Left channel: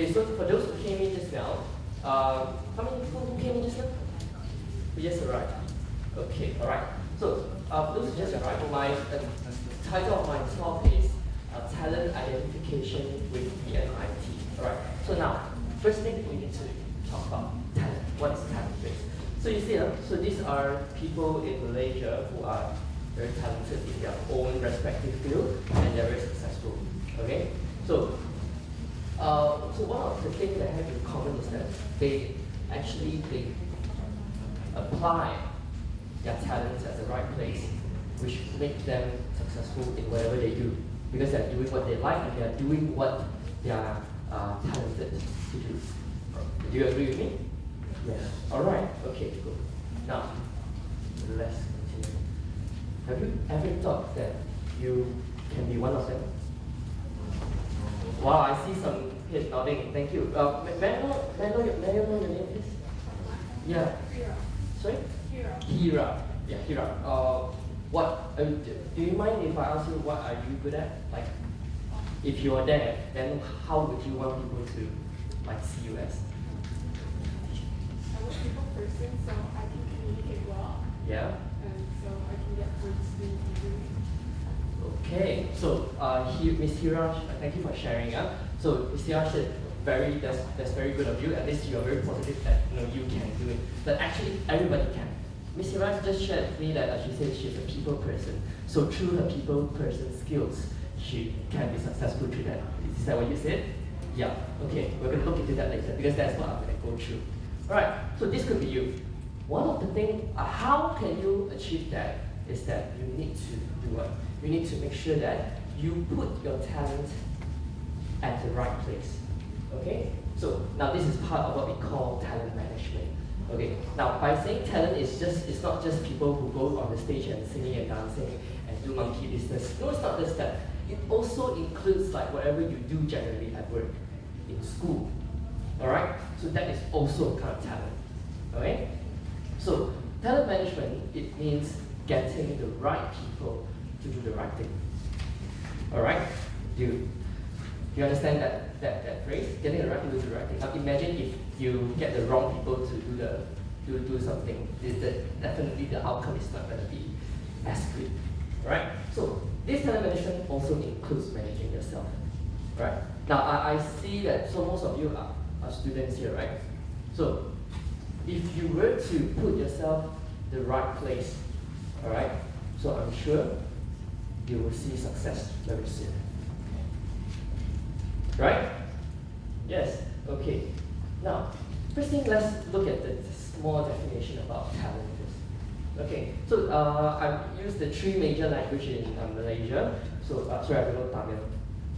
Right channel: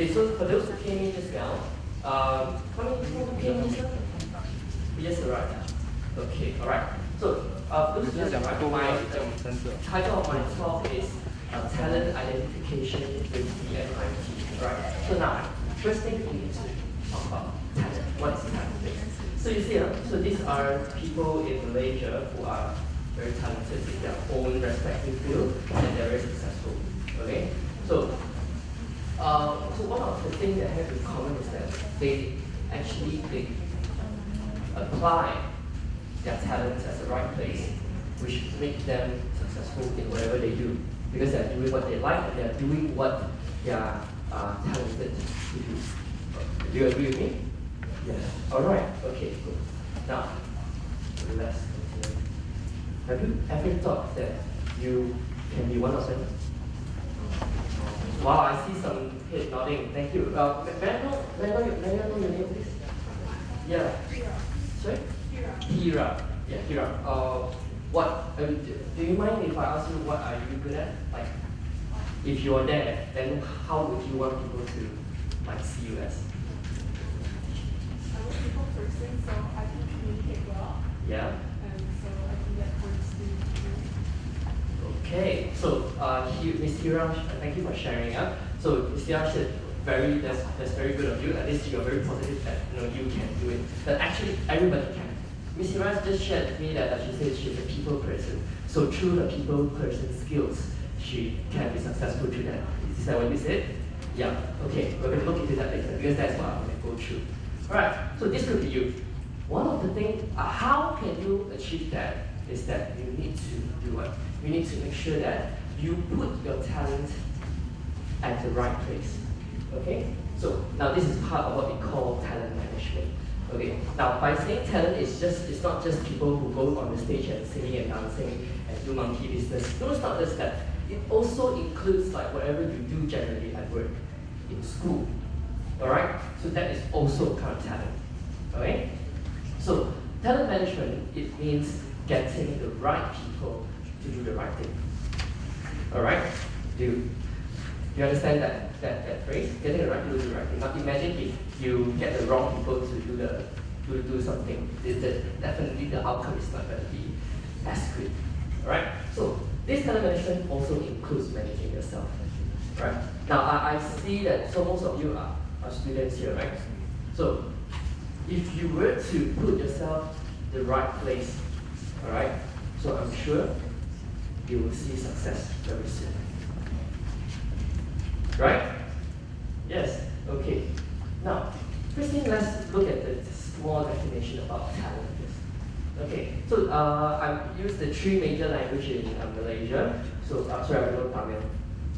Okay, so for those who came in just now, how many people who came in just now? Yes, right. Okay, all right. So those who just arrived, my title of my talk is Talent Identification with EMIT. All right. So now, first thing we need to talk about talent. What is talent? So you see, so these are people in Malaysia who are very talented in their own respective field and they're very successful. Okay. So one of the things they have in common is that they apply their talents at the right place, which makes them successful in whatever they do, because they're doing what they like and they're doing what they are talented to do. Do you agree with me? Yes. All right. Okay. Good. Now, let's continue. Have you ever thought that you can be one of them? Wow, I see some head nodding. Thank you. May I know your name, please? Yeah. Hira. Sorry? Hira. Hira. Yeah, Hira. What? Do you mind if I ask you what are you good at? Like, if you're there, then how would you want people to see you as? I'm a people person, so I can communicate well. Yeah. And so I can get words to do. Okay, so Ms. Hira, thank you for sharing. So Ms. Hira said that's very good of you. At least you are very positive that you can do it. But actually, everybody can. Ms. Hira just shared with me that she said she's a people person. So through her people person skills, she can be successful through that. Is that what you said? Yeah. Okay, we're going to look into that later because that's what I'm going to go through. All right. So this could be you. One of the things, how can you achieve that? Is that you need to do what? You need to make sure that you put your talent at the right place. Okay? So now this is part of what we call talent management. Okay. Now by saying talent it's not just people who go on the stage and singing and dancing and do monkey business. No, it's not just that. It also includes like whatever you do generally at work, in school. Alright? So that is also a kind of talent. Okay? So talent management, it means getting the right people to do the right thing. Alright? Do you understand that phrase? Getting the right people to do the right thing. Now imagine if you get the wrong people to do something. Definitely the outcome is not going to be as good. Alright? So this talent management also includes managing yourself. Right? Now I see that most of you are students here, right? So if you were to put yourself the right place, alright, so I'm sure you will see success very soon. Right? Yes, okay. Now, first thing, let's look at the small definition about talent. Okay, so I use the three major languages in Malaysia. So, sorry, I don't know Tamil.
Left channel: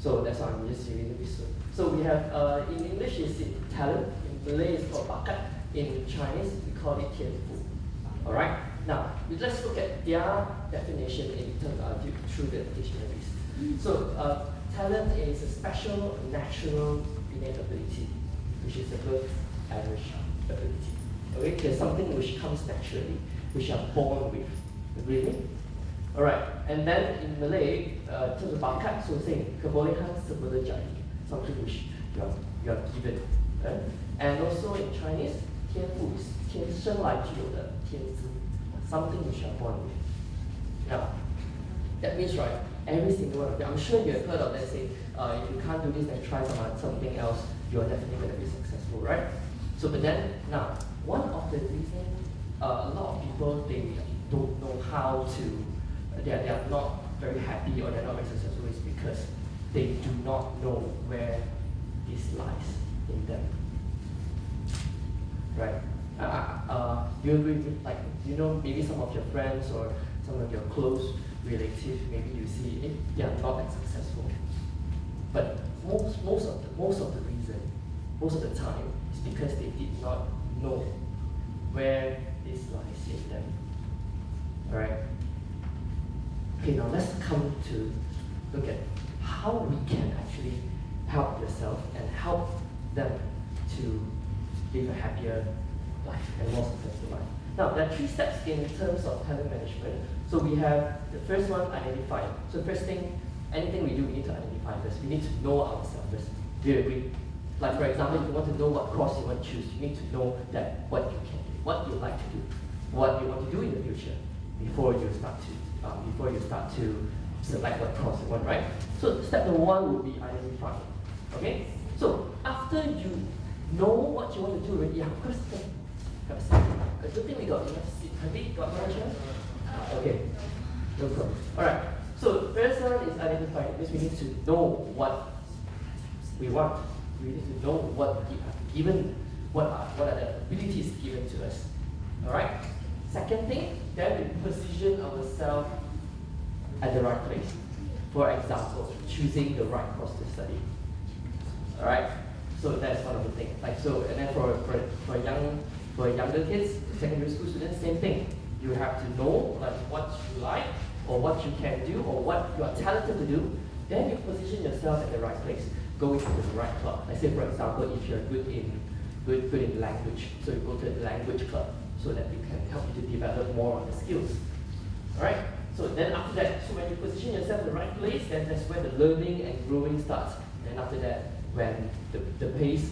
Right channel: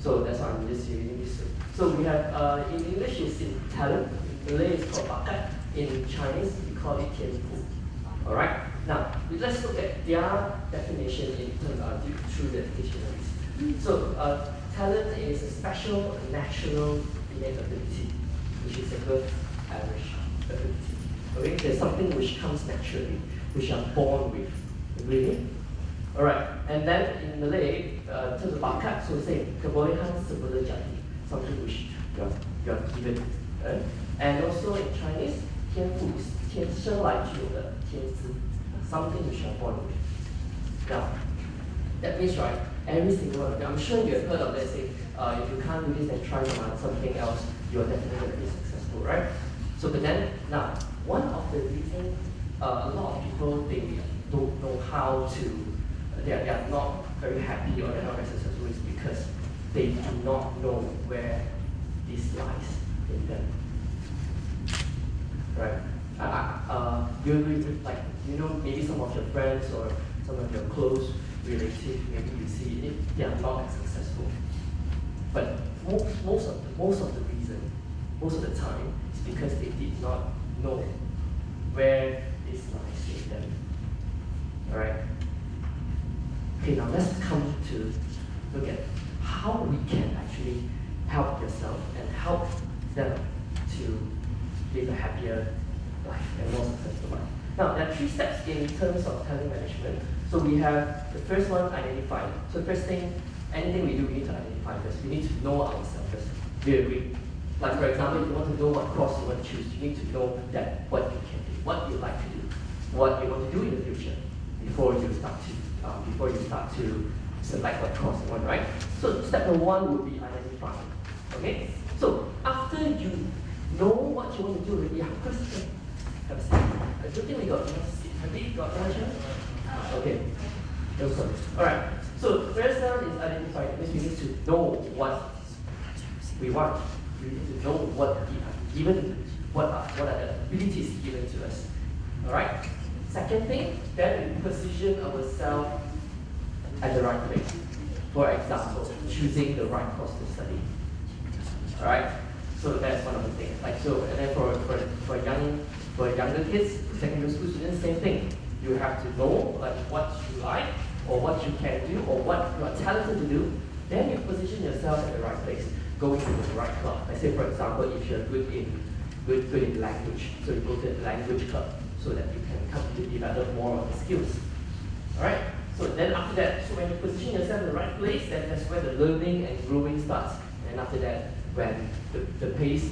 So that's why I'm just using this. So we have, in English it's talent, in Malay it's called bakat, in Chinese we call it tianfu. Alright, now let's look at their definition in terms of through the dictionaries. So talent is a special natural innate ability, which is above average ability. Okay, there's something which comes naturally, which you are born with. Agree with me? Alright, and then in Malay, terms of bakat, so say kebolehan sebelum jadi, something which you are given. Right? And also in Chinese, 天赋 is 天生来具有的天资, something which you are born with. Now, that means right, every single one of you, I'm sure you have heard of, let's say, if you can't do this, then try something else, you are definitely going to be successful, right? So, but then, now, one of the reasons a lot of people, they don't know how to, they are not very happy or they're not very successful is because they do not know where this lies in them. Right? You agree with, like, maybe some of your friends or some of your close relatives, maybe you see they are not as successful. But most of the reason, most of the time, is because they did not know where this lies in them. Alright? Okay, now let's come to look at how we can actually help yourself and help them to live a happier life and more successful life. Now, there are 3 steps in terms of talent management. So we have the first one, identify. So first thing, anything we do, we need to identify first. We need to know ourselves first. Do you agree? Like for example, if you want to know what course you want to choose, you need to know that what you can do, what you like to do, what you want to do in the future before you start to select what course you want, right? So step number one would be identifying. Okay? So after you know what you want to do already, of course, have a seat. I don't think we got enough seats. Have we got enough chairs? Okay. No problem. Alright. So the first one is identifying. It means we need to know what we want. We need to know what are the abilities given to us. Alright? Second thing, then we position ourselves at the right place. For example, choosing the right course to study. Alright? So that's one of the things. Like so, and then for younger kids, secondary school students, same thing. You have to know like what you like, or what you can do, or what you are talented to do. Then you position yourself at the right place. Go into the right club. Like say for example, if you're good in language, so you go to the language club so that you can come to develop more of the skills. Alright? So then after that, so when you position yourself in the right place, then that's where the learning and growing starts. And after that, when the pace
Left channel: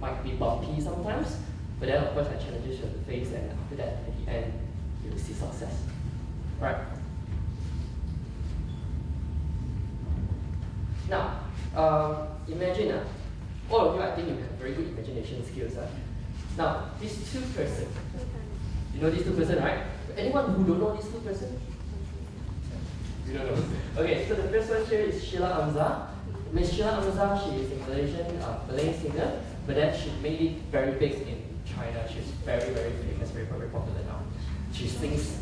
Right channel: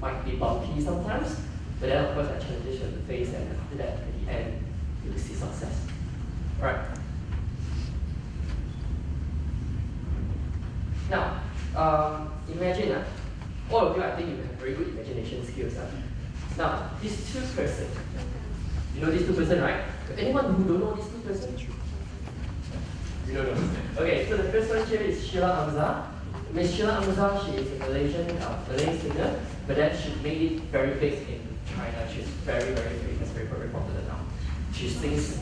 might be bumpy sometimes, but then of course that challenges you have to face, and after that, at the end, you will see success. Right? Now, imagine, all of you, I think you have very good imagination skills. Now, these two persons, you know these two persons, right? Anyone who don't know these two persons? You don't know. Okay, so the first one here is Sheila Amza. Miss Sheila Amza, she is a Malay singer, but then she made it very big in China. She's very, very famous, very, very popular now. She sings,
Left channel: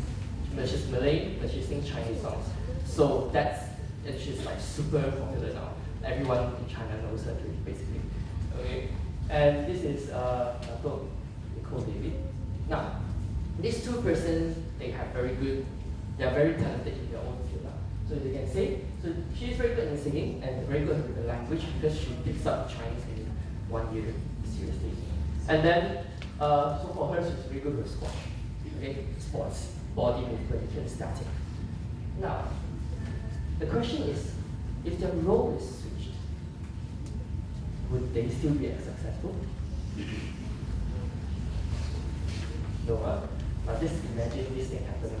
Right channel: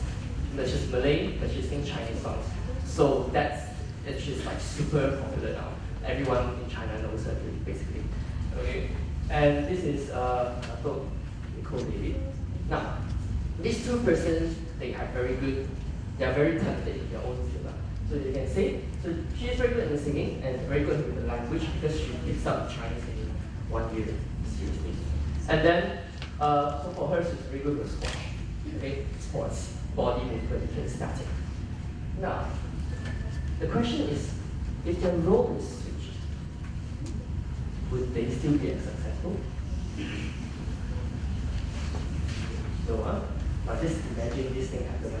she's Malay, but she sings Chinese songs. So she's like super popular now. Everyone in China knows her basically. Okay, and this is Nicole David. Now, these two persons, they are very talented in their own field. So you can say, so she is very good in singing and very good with the language because she picks up Chinese in 1 year, seriously. And then, so for her, she's very good with squash, okay? Sports, body movement, static. Now, the question is, if their role is switched, would they still be as successful? No, huh? Now just imagine this thing happen.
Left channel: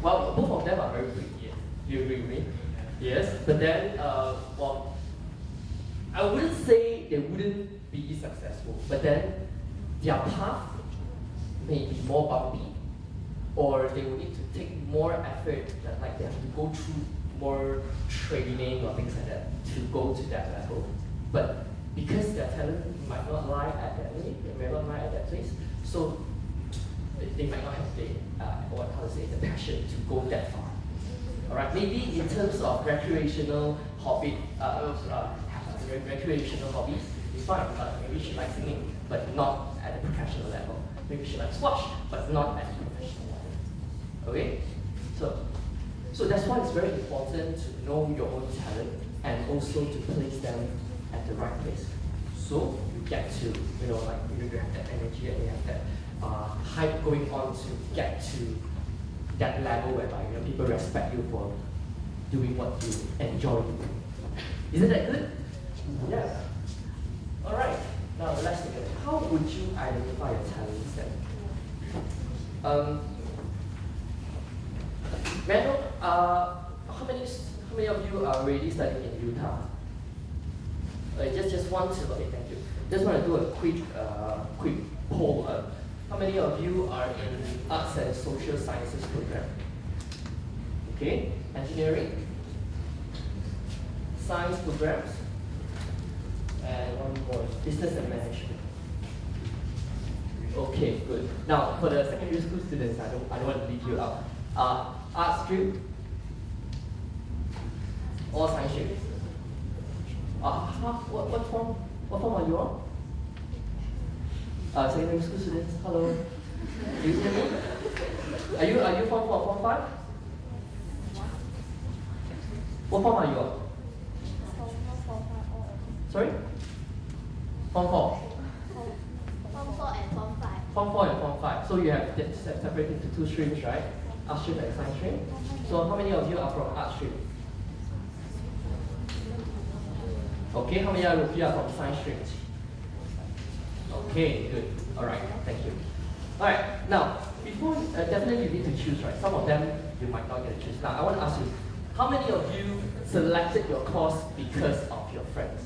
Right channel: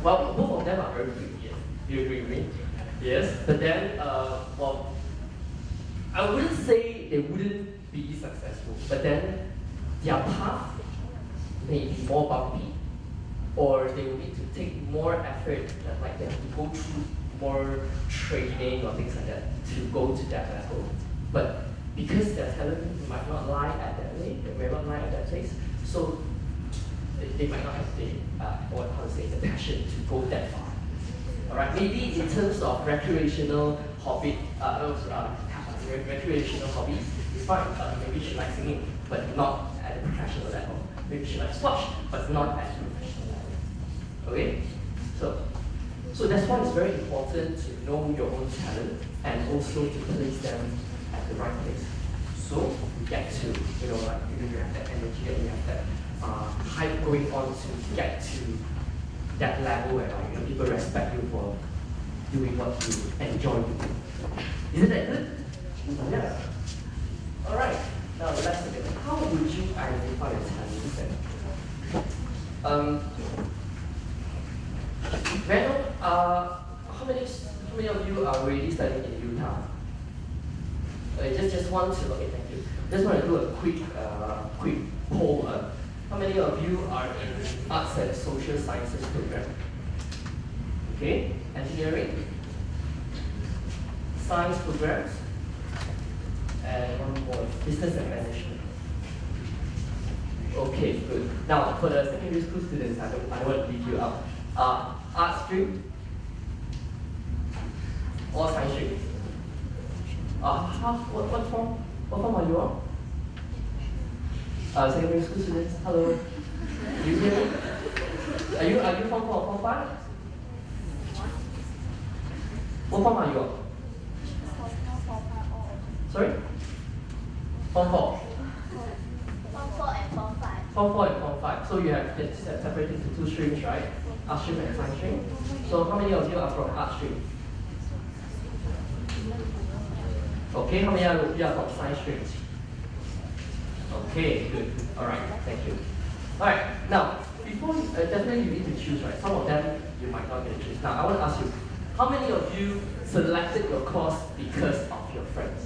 Well, both of them are very good, yes. You agree with me? Yes, but then, well, I wouldn't say they wouldn't be successful, but then their path may be more bumpy, or they will need to take more effort, like they have to go through more training or things like that to go to that level. But because their talent might not lie at that way, they may not lie at that place, so they might not have the passion to go that far. Alright, maybe in terms of recreational hobbies, it's fine. Maybe she likes singing, but not at the professional level. Maybe she likes squash, but not at the professional level. Okay? So that's why it's very important to know your own talent and also to place them at the right place. So you get to, you have that energy and you have that hype going on to get to that level whereby people respect you for doing what you enjoy doing. Isn't that good? Yes. Alright, now let's look at it. How would you identify your talents then? May I know, how many of you are already studying in Utah? Just want to, okay, thank you. Just want to do a quick poll. How many of you are in arts and social sciences program? Okay, engineering, science programs, and one more, business and management. Okay, good. Now for the secondary school students, I don't want to leave you out. Art stream or science stream? What form are you on? Secondary school students, hello. Do you hear me? Are you form 4 or form 5? What form are you on? Sorry? Form 4? Form 4 and Form 5. Form 4 and Form 5. So you have separated into 2 streams, right? Art stream and science stream. So how many of you are from art stream? Okay, how many of you are from science stream? Okay, good. Alright, thank you. Alright, now, before definitely you need to choose, right? Some of them you might not get to choose. Now, I want to ask you, how many of you selected your course because of your friends?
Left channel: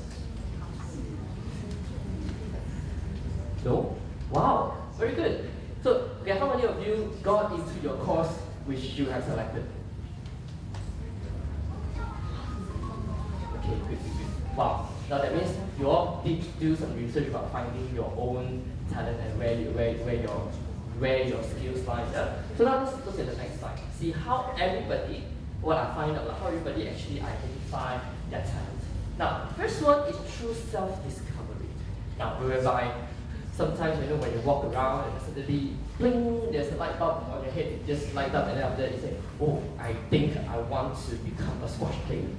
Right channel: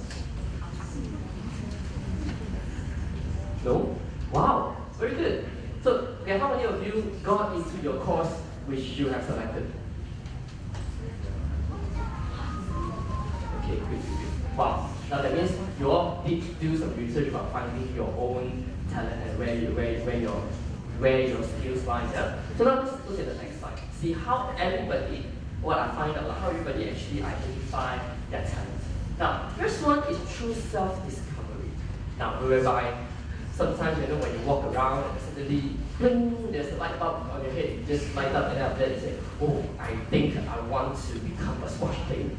No? Wow, very good. So, okay, how many of you got into your course which you have selected? Okay, good. Wow. Now that means you all did do some research about finding your own talent and where your skills lie. Yeah? So now let's look at the next slide. See how everybody, what I find out, how everybody actually identify their talents. Now, first one is through self-discovery. Now, whereby sometimes when you walk around and suddenly, bling, there's a light bulb on your head, it just lights up, and then after that you say, oh, I think I want to become a squash player.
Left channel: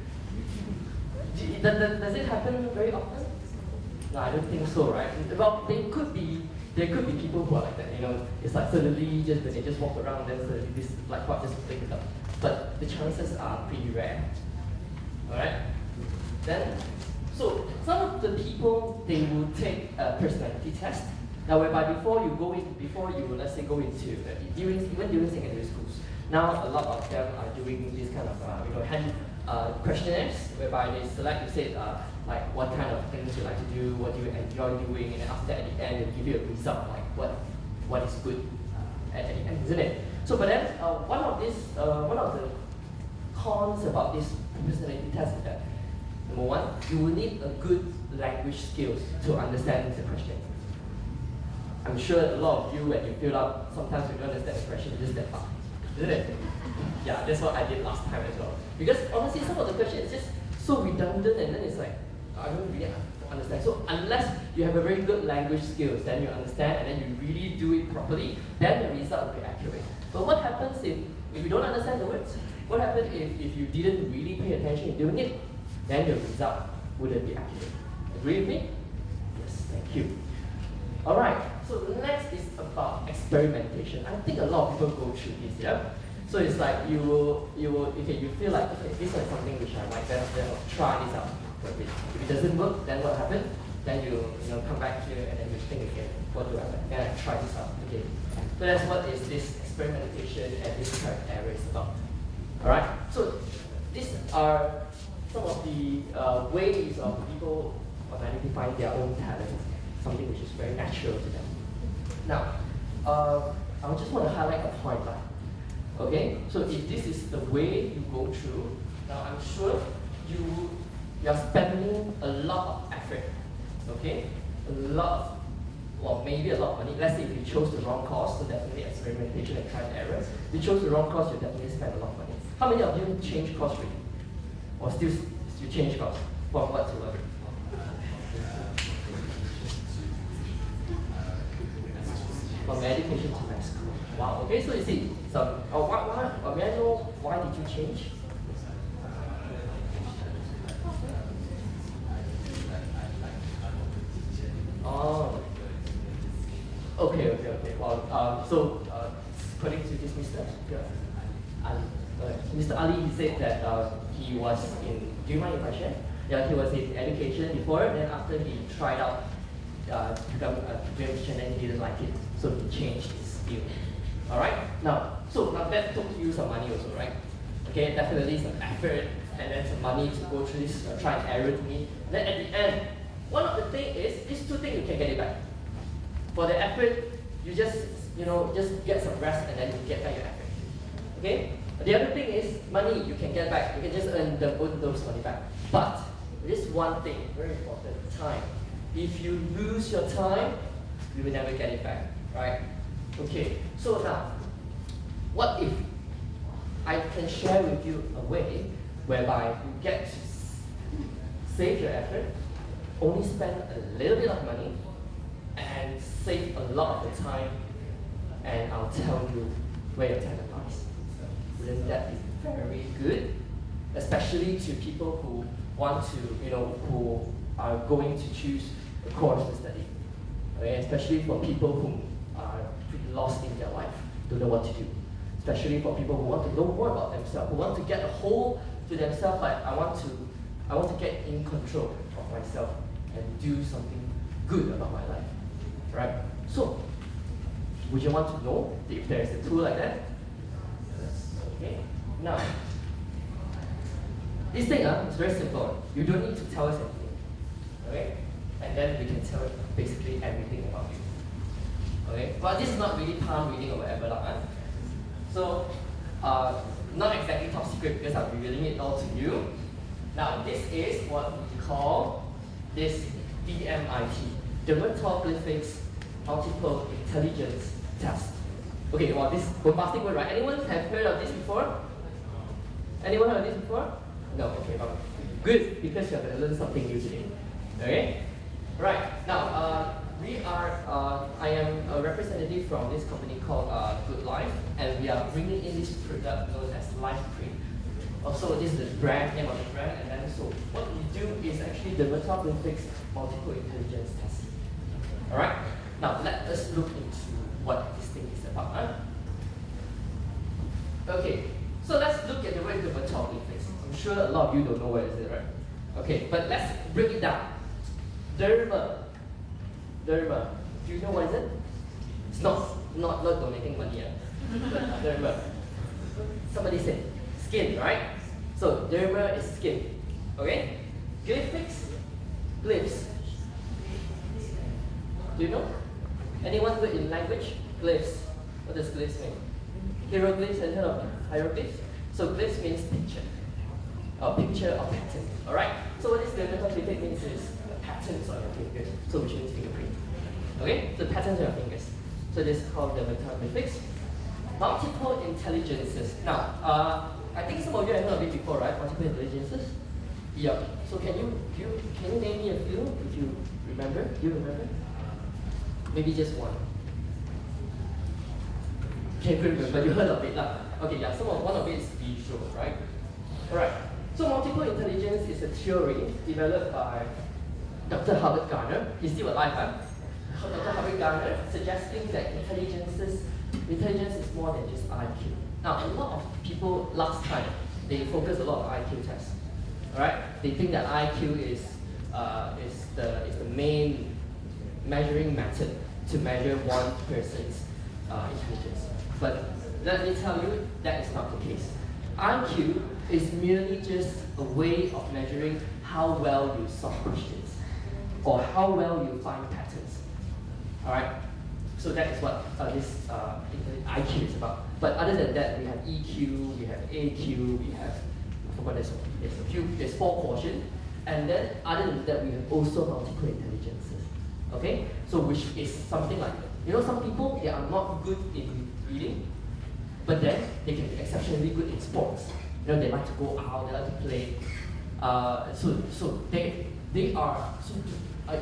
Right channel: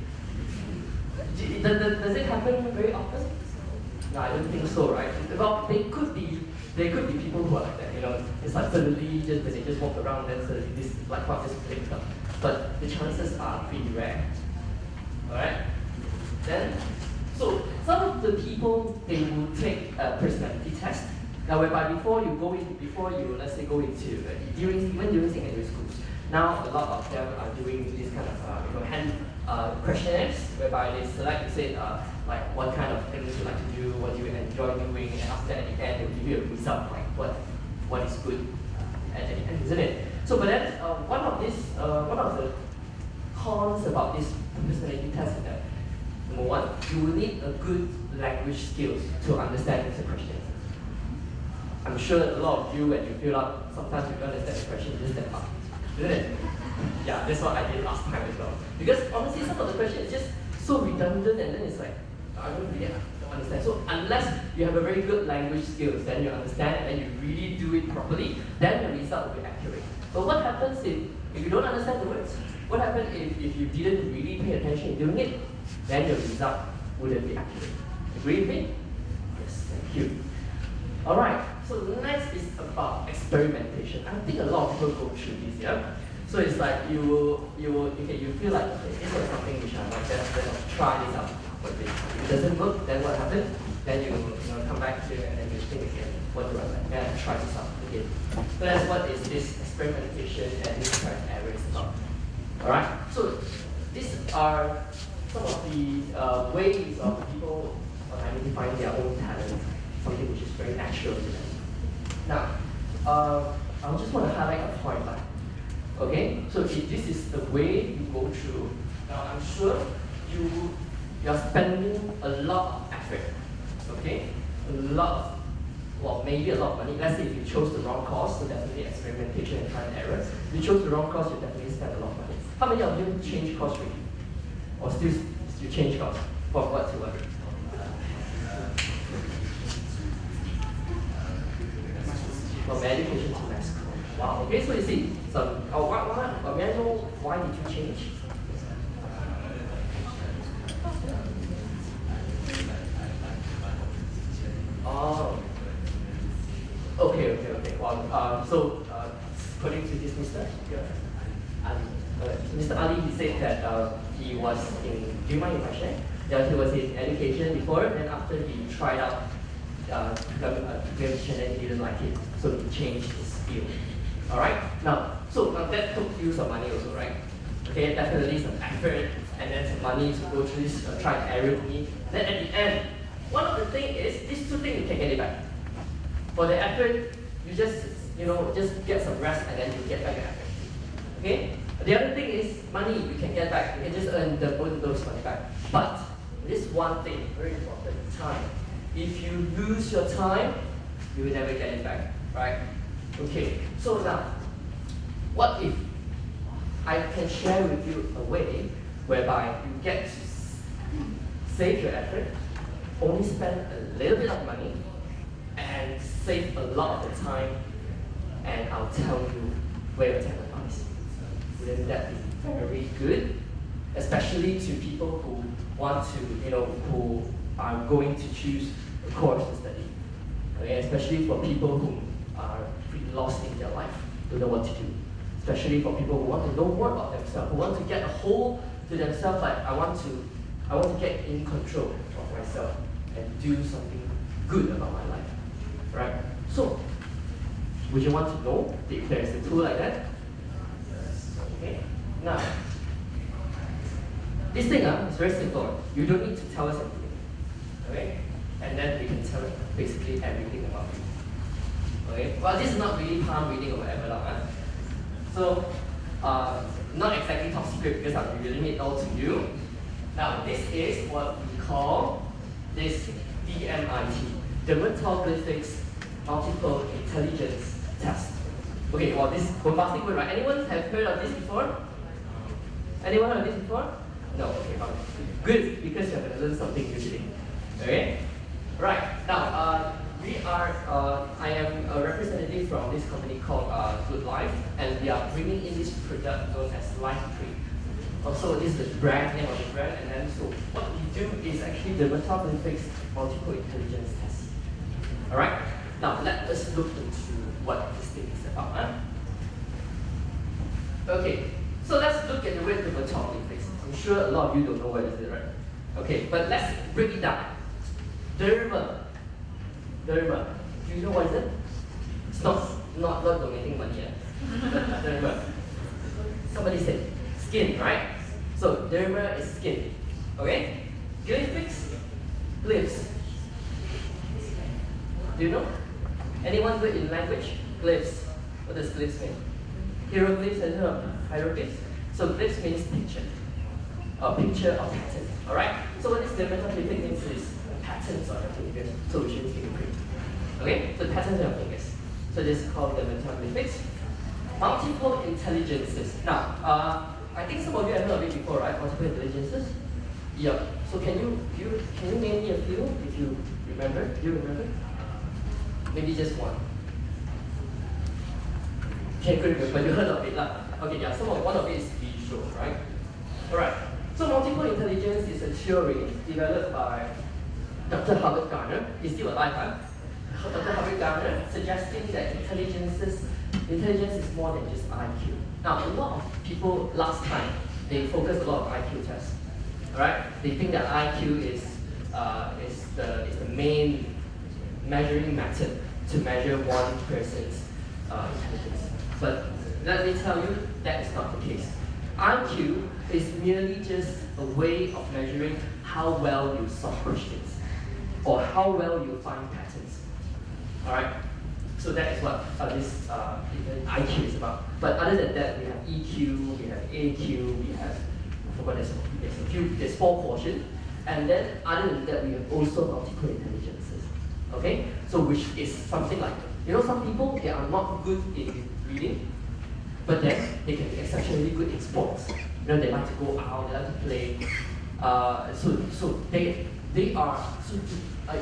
Does it happen very often? No, I don't think so, right? Well, there could be people who are like that. It's like suddenly they just walk around, then suddenly this light bulb just blinks up. But the chances are pretty rare. All right. Then, so some of the people they will take a personality test. Now, whereby before you let's say go into during secondary schools. Now a lot of them are doing this kind of hand questionnaires whereby they select, you say, like what kind of things you like to do, what you enjoy doing, and after that at the end they'll give you a result, like what is good at the end, isn't it? So, but then one of the cons about this personality test is that number one, you will need a good language skills to understand the question. I'm sure a lot of you, when you fill out, sometimes you don't understand the question, you just step up. Isn't it? Yeah, that's what I did last time as well. Because honestly, some of the questions is just so redundant, and then it's like, I don't really understand. So unless you have a very good language skills, then you understand, and then you really do it properly, then the result will be accurate. But what happens if you don't understand the words? What happens if you didn't really pay attention in doing it? Then your result wouldn't be accurate. Agree with me? Yes, thank you. Alright, so the next is about experimentation. I think a lot of people go through this, yeah? So it's like you feel like, okay, this is something which I might then try this out for a bit. If it doesn't work, then what happens? Then you come back here and then you think again, what do I like? Then I try this out again. So that's what is this experimentation and this trial and error is about. Alright, so these are some of the ways of people identifying their own talent, something which is very natural to them. Now, I just want to highlight a point. Okay, so if this is the way you go through, now I'm sure you are spending a lot of effort. Okay, maybe a lot of money. Let's say if you chose the wrong course, so definitely experimentation and trial and error. If you chose the wrong course, you definitely spend a lot of money. How many of you change course already? Or still you change course? From what to what? From education to mass school. Wow, okay, so you see, may I know why did you change? Oh, okay. Well, according to this Mr. Mr. Ali, he said that he was in, do you mind if I share? Yeah, he was in education before, then after he tried out to become a musician and he didn't like it, so he changed his field. Alright? Now that took you some money also, right? Okay, definitely some effort and then some money to go through this try and error with me. Then at the end, one of the things is, these two things you can get it back. For the effort, you just get some rest and then you get back your effort. Okay? The other thing is money you can get back. You can just earn both of those money back. But this one thing, very important, time. If you lose your time, you will never get it back, right? Okay, so now, what if I can share with you a way whereby you get to save your effort, only spend a little bit of money, and save a lot of the time, and I'll tell you where your talent lies. Wouldn't that be very good? Especially to people who want to, who are going to choose a course to study. Okay? Especially for people who are pretty lost in their life, don't know what to do. Especially for people who want to know more about themselves, who want to get a hold to themselves, like I want to I want to get in control of myself and do something good about my life. Right? So, would you want to know if there is a tool like that? Okay. Now, this thing is very simple. You don't need to tell us anything. Okay? And then we can tell basically everything about you. Okay? Well, this is not really palm reading or whatever. So, not exactly top secret because I'm revealing it all to you. Now, this is what we call this DMIT, Dermatoglyphics Multiple Intelligence Test. Okay, well, this bombastic word, right? Anyone have heard of this before? Anyone heard of this before? No, okay, fine. Good, because you're going to learn something new today. Okay? Right, now, I am a representative from this company called Good Life, and we are bringing in this product known as Life Cream. Also, this is the brand name of the brand, and then so what we do is actually Dermatoglyphics Multiple Intelligence Test. Alright? Now, let us look into what this thing is about. Okay, so let's look at the word dermatoglyphics. I'm sure a lot of you don't know what is it, right? Okay, but let's break it down. Derma. Derma. Do you know what is it? It's not donating money yet. Derma. Somebody said skin, right? So derma is skin. Okay? Glyphics? Glyphs. Do you know? Anyone good in language? Glyphs. What does glyphs mean? Hieroglyphs, have you heard of hieroglyphs? So glyphs means picture. A picture of pattern. Alright? So what this dermatoglyphic means is patterns on your fingers. So which means fingerprint. Okay? So patterns on your fingers. So this is called dermatoglyphics. Multiple intelligences. Now, I think some of you have heard of it before, right? Multiple intelligences? Yep. So can you name me a few if you remember? Do you remember? Maybe just one. Okay, good, but you heard of it lah. Okay, yeah, one of it is visual, right? Alright. So multiple intelligence is a theory developed by Dr. Howard Gardner. He's still alive, huh? Dr. Howard Gardner suggesting that intelligence is more than just IQ. Now, a lot of people last time, they focus a lot on IQ tests. Alright? They think that IQ is the main measuring method to measure one person's intelligence. But let me tell you, that is not the case. IQ is merely just a way of measuring how well you solve questions or how well you find patterns. Alright? So that is what this IQ is about. But other than that, we have EQ, we have AQ, we have, I forgot there's 4 portions. And then other than that, we have also multiple intelligences. Okay? So which is something like, some people, they are not good in reading, but then they can be exceptionally good in sports. They like to go out, they like to play. So they are,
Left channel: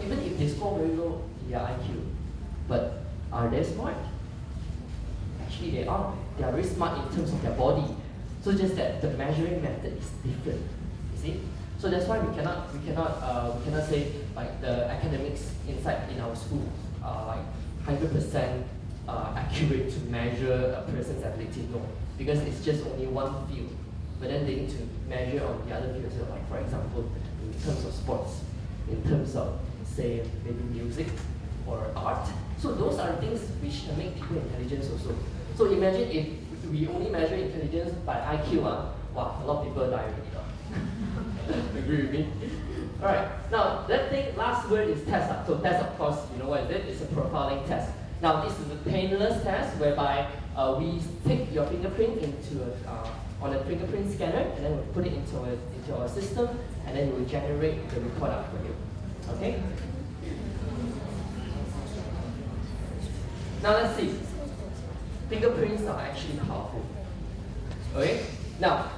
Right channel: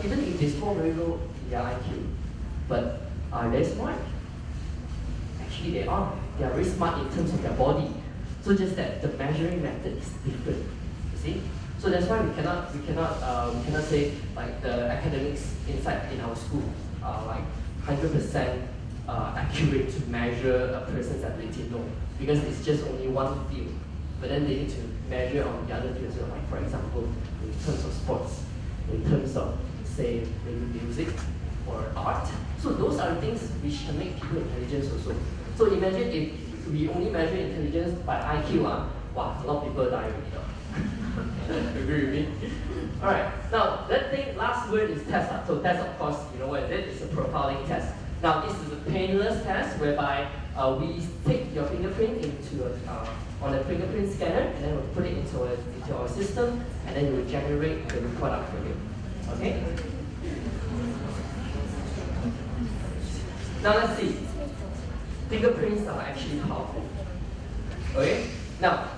even if they score very low in their IQ, but are they smart? Actually, they are. They are very smart in terms of their body. So just that the measuring method is different. You see? So that's why we cannot say like the academics inside in our schools are like 100% accurate to measure a person's ability. No, because it's just only one field. But then they need to measure on the other fields, like for example, in terms of sports, in terms of say maybe music or art. So those are things which can make people intelligent also. So imagine if we only measure intelligence by IQ, wow, a lot of people die already. Agree with me? Alright, now last word is test. So test, of course, you know what it is? It's a profiling test. Now this is a painless test whereby we take your fingerprint on a fingerprint scanner, and then we'll put it into our system, and then it will generate the report out for you. Okay? Now let's see. Fingerprints are actually powerful. Okay? Now,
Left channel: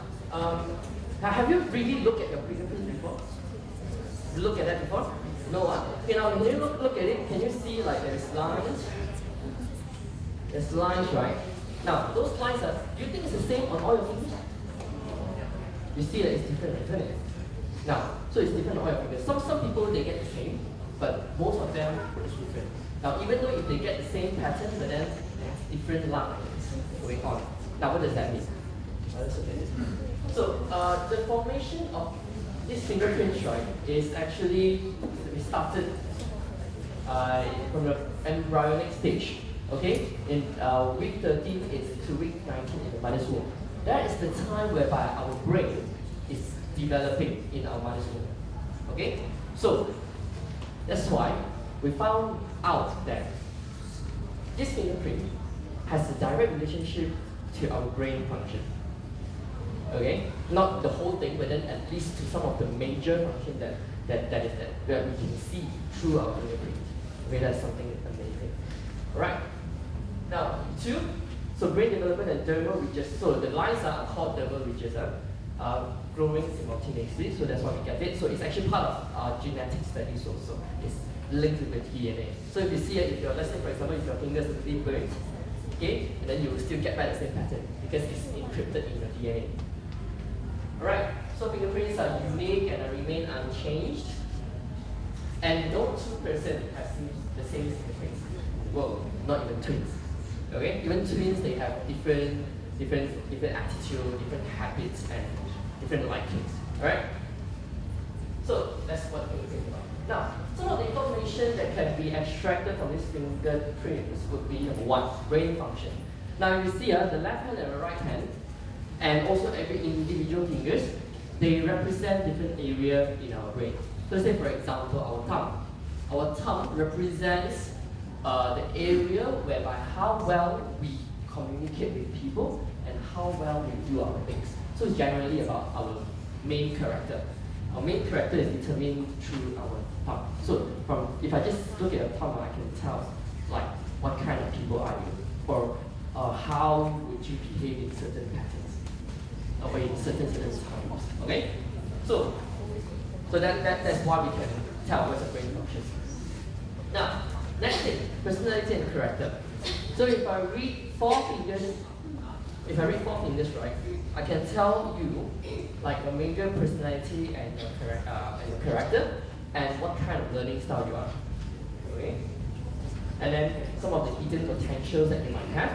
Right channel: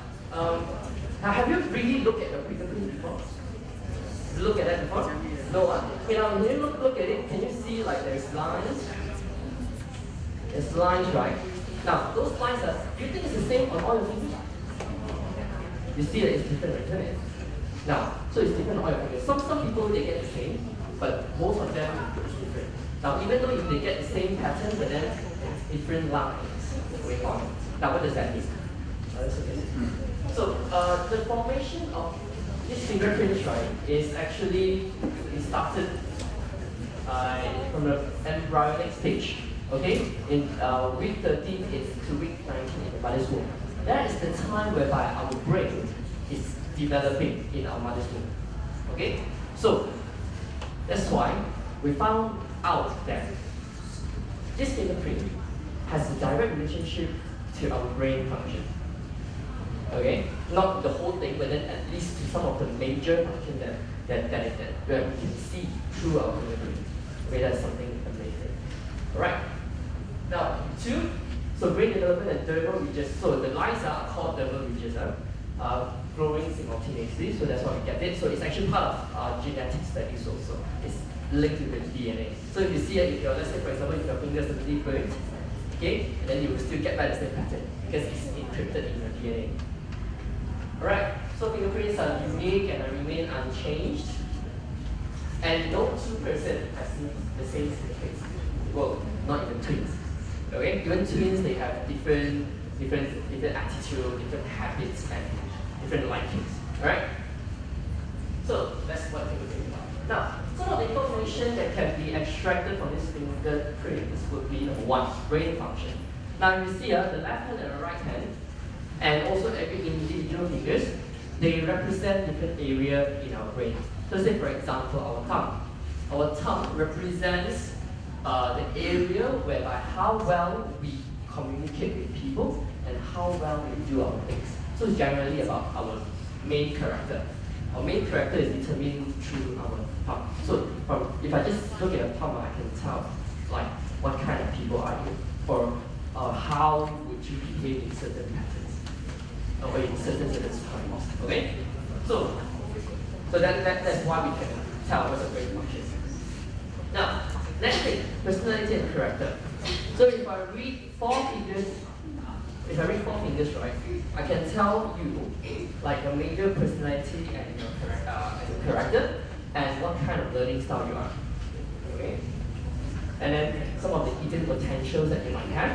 have you really looked at your fingerprint before? Look at that before? No, okay, now when you look at it, can you see like there's lines? There's lines, right? Now, those lines do you think it's the same on all your fingers? You see that it's different, isn't it? Now, so it's different on all your fingers. Some people, they get the same, but most of them, it's different. Now, even though if they get the same pattern, but then there's different lines going on. Now, what does that mean? So, the formation of this fingerprints, right, is actually it started from the embryonic stage. Okay, in week 13 is to week 19 in the mother's womb. That is the time whereby our brain is developing in our mother's womb. Okay, so that's why we found out that this fingerprint has a direct relationship to our brain function. Okay, not the whole thing, but then at least to some of the major functions that we can see through our fingerprint. Okay, that's something amazing. Alright. Now, 2, so brain development and dermal ridges. So the lines are called dermal ridges, growing simultaneously, so that's why we get it. So it's actually part of our genetic studies also. It's linked to the DNA. So if you see it, if you're, let's say for example, if your fingers are really burnt, okay, and then you will still get back the same pattern because it's encrypted in your DNA. Alright, so fingerprints are unique and remain unchanged. And no two person has the same fingerprints. Well, not even twins. Okay, even twins, they have different attitude, different habits, and different likings. Alright? So that's what we think about. Now, some of the information that can be extracted from this fingerprints would be number 1, brain function. Now you see the left hand and the right hand, and also every individual fingers, they represent different area in our brain. So say for example, our tongue. Our tongue represents the area whereby how well we communicate with people and how well we do our things. So it's generally about our main character. Our main character is determined through our tongue. So if I just look at the tongue, I can tell like what kind of people are you, or how would you behave in certain patterns, or in certain times. Okay? So that's why we can tell what's the brain function. Now, next thing, personality and character. So if I read 4 fingers, right, I can tell you like your major personality and your character, and what kind of learning style you are. Okay? And then some of the hidden potentials that you might have,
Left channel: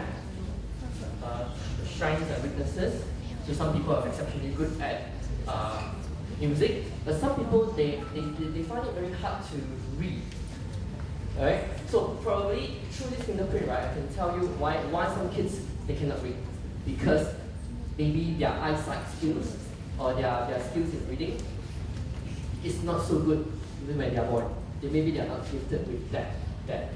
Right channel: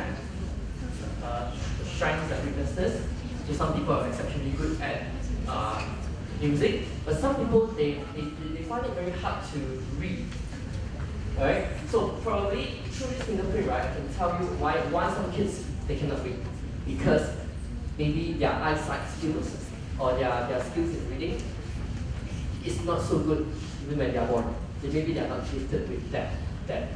the strengths and weaknesses. So some people are exceptionally good at music, but some people they find it very hard to read. Alright? So probably through this fingerprint, right, I can tell you why some kids they cannot read. Because maybe their eyesight skills or their skills in reading is not so good even when they are born. Maybe they are not gifted with that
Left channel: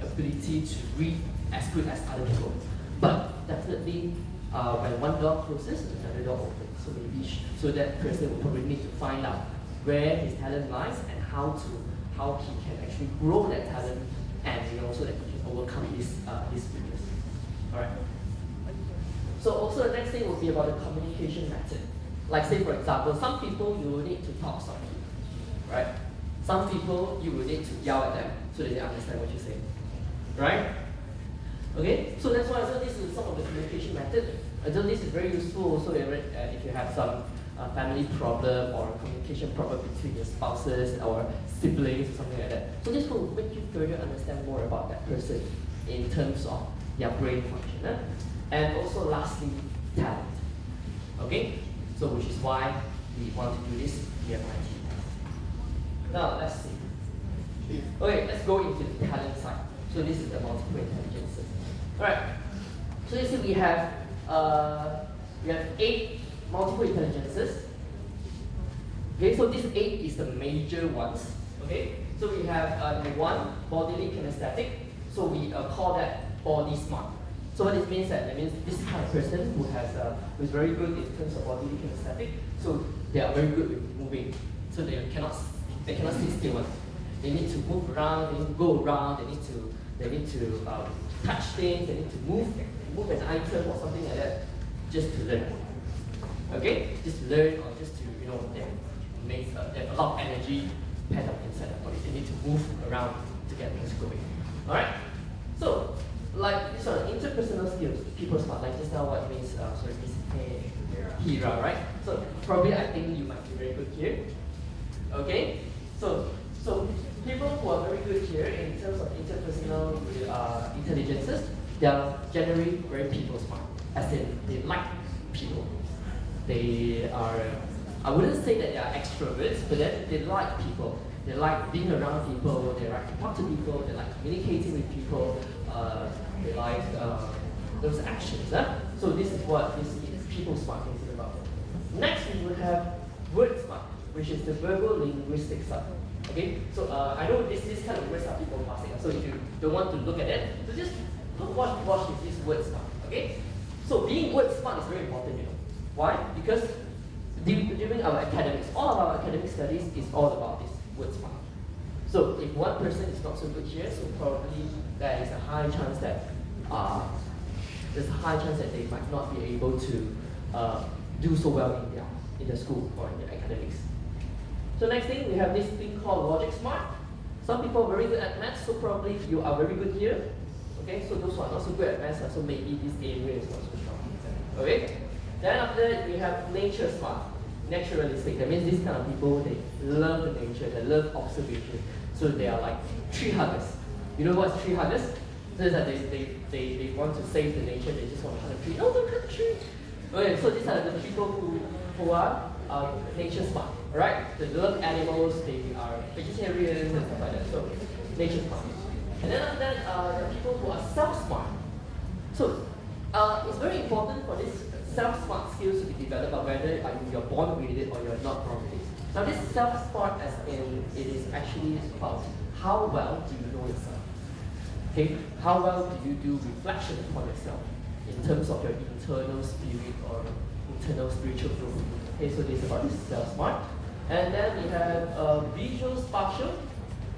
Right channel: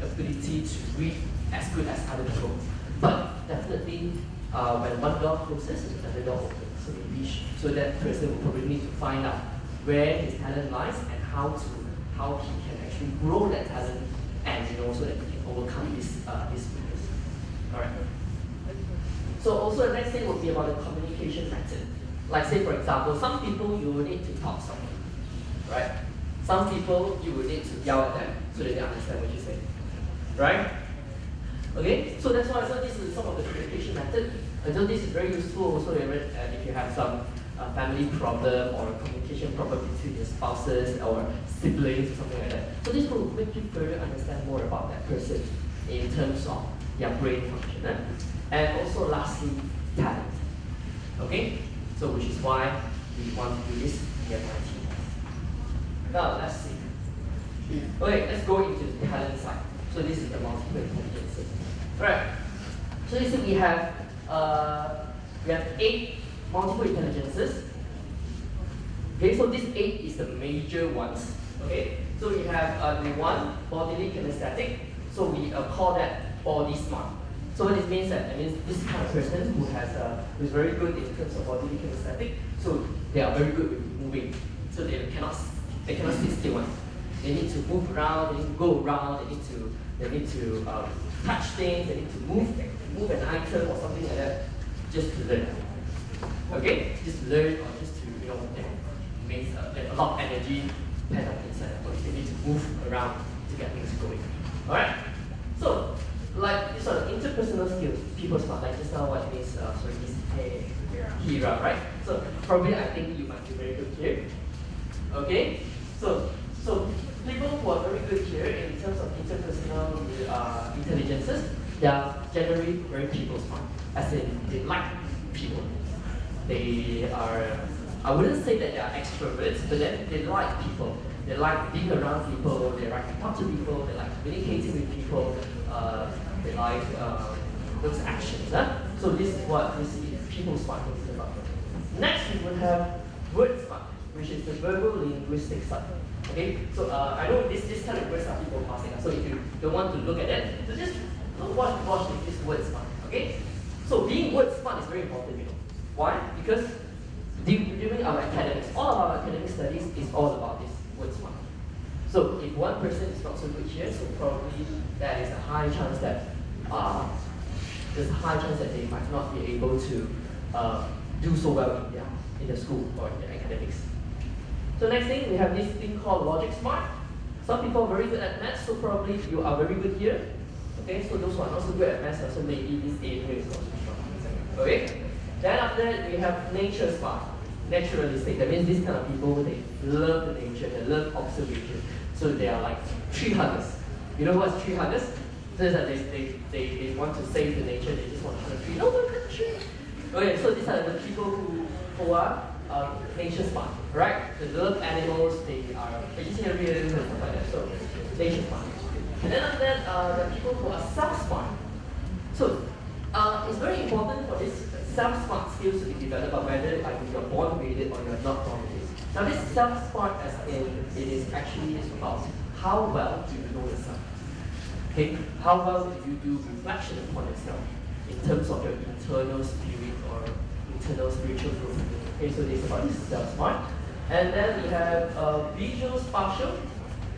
ability to read as good as other people. But definitely when one door closes, another door opens. So maybe so that person will probably need to find out where his talent lies and how he can actually grow that talent, and so that he can overcome this weakness. Alright. So also the next thing would be about the communication method. Like say for example, some people you will need to talk to someone, right? Some people you will need to yell at them so that they understand what you say, right? Okay, so that's why this is some of the communication method. So this is very useful also if you have some family problem or a communication problem between your spouses or siblings or something like that. So this will make you further understand more about that person in terms of their brain function. And also lastly, talent. Okay? So which is why we want to do this here at MIT. Now let's see. Okay, let's go into the talent side. So this is the multiple intelligences. Alright. So you see we have 8 multiple intelligences. Okay, so these 8 is the major ones. Okay, so we have the 1 bodily kinesthetic. So we call that body smart. So what it means that means this kind of person who is very good in terms of bodily kinesthetic. So they are very good with moving. So they cannot sit still. They need to move around. They need to go around. They need to touch things. They need to move an item or something like that, just to learn. Okay, just to learn or just to they have a lot of energy pent up inside their body. They need to move around to get things going. All right. So like these are the interpersonal skills, people smart. Like just now, what means Hira, right? So probably I think you might be very good here. Okay. So people who are very good here in terms of interpersonal intelligences, they are generally very people smart. As in, they like people. They are I wouldn't say that they are extroverts, but then they like people. They like being around people, they like to talk to people, they like communicating with people, they like those actions. So this is what this is people smart thinks about. Next we would have word smart, which is the verbal linguistic side. Okay, so I know this kind of words are people passing, so if you don't want to look at it, so just don't watch this word smart. Okay, so being word smart is very important, you know. Why? Because during our academics, all of our academic studies is all about this word smart. So if one person is not so good here, so probably there is a high chance that they might not be able to do so well in the school or in the academics. So next thing, we have this thing called logic smart. Some people are very good at maths, so probably you are very good here. Okay, so those who are not so good at maths, so maybe this area is not so strong. Okay, then after that we have nature smart, naturalistic. That means these kind of people, they love the nature, they love observation. So they are like tree huggers. You know what's tree huggers? So it's that they want to save the nature, they just want to hug a tree. No, look at the tree. Okay, so these are the people who are nature smart, right? They love animals, they are vegetarians and stuff like that. So nature smart. And then after that, there are people who are self-smart. So it's very important for this self-smart skills to be developed, but whether you're born with it or you're not born with it. Now this self-smart, as in, it is actually about how well do you know yourself. Okay, how well do you do reflection upon yourself in terms of your internal spirit or internal spiritual growth. Okay, so this is about this self-smart. And then we have visual spatial,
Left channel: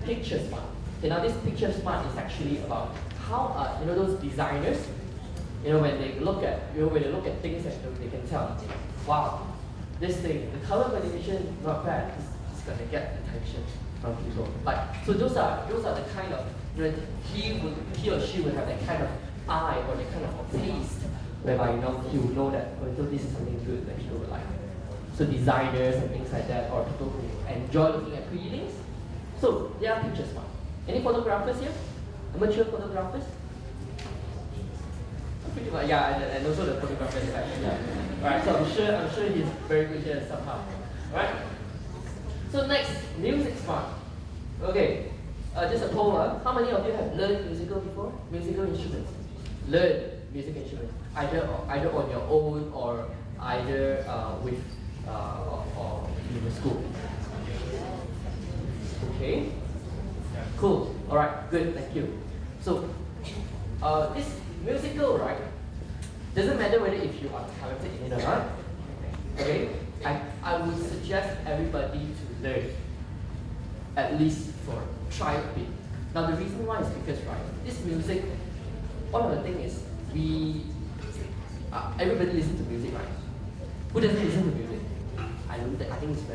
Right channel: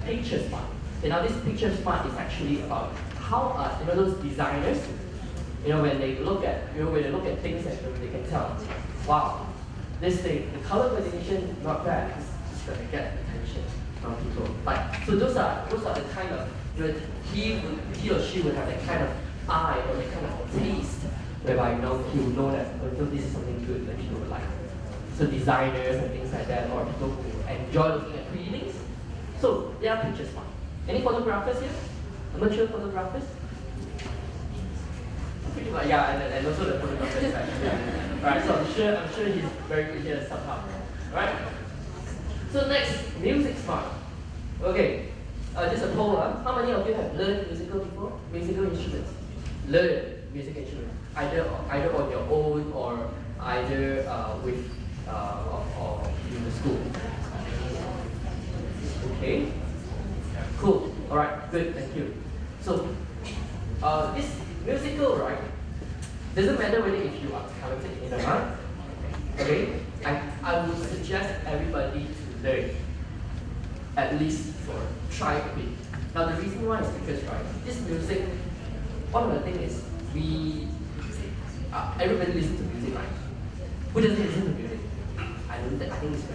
picture smart. Okay, now this picture smart is actually about how you know those designers, you know, when they look at things and they can tell, wow, this thing, the color coordination not bad, it's gonna get attention from people. Like, so those are the kind of, you know, he or she would have that kind of eye or that kind of taste whereby he will know that this is something good that people would like. So designers and things like that, or people who enjoy looking at pretty things. So they are picture smart. Any photographers here? Amateur photographers? Pretty much, yeah, and also the photographers side. Yeah. Alright, so I'm sure he's very good here somehow. Alright? So next, music smart. Okay. Just a poll. How many of you have learned musical before? Musical instruments. Learn music instruments. Either on your own or either with or in the school. Okay. Cool. Alright, good, thank you. So this musical, right? Doesn't matter whether if you are talented in it or not. Okay? I would suggest everybody to learn. At least for try a bit. Now the reason why is because, right, this music, one of the things is everybody listens to music, right? Who doesn't listen to music? I think it's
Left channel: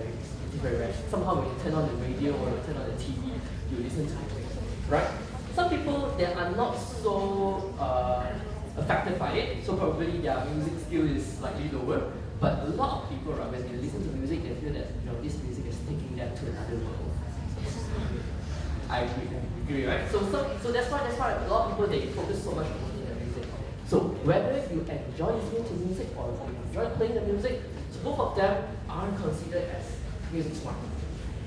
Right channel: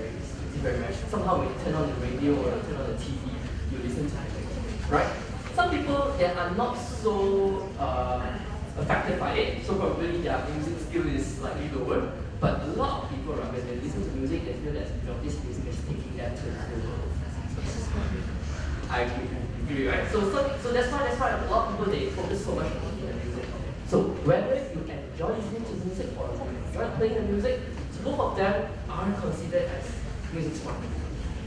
very rare. Somehow when you turn on the radio or turn on the TV, you listen to music, right? Some people, they are not so affected by it, so probably their music skill is slightly lower. But a lot of people, right, when they listen to music, they feel that, you know, this music is taking them to another level. I agree, right? So that's why a lot of people, they focus so much on the music. So whether you enjoy listening to music or you enjoy playing the music, both of them are considered as music smart.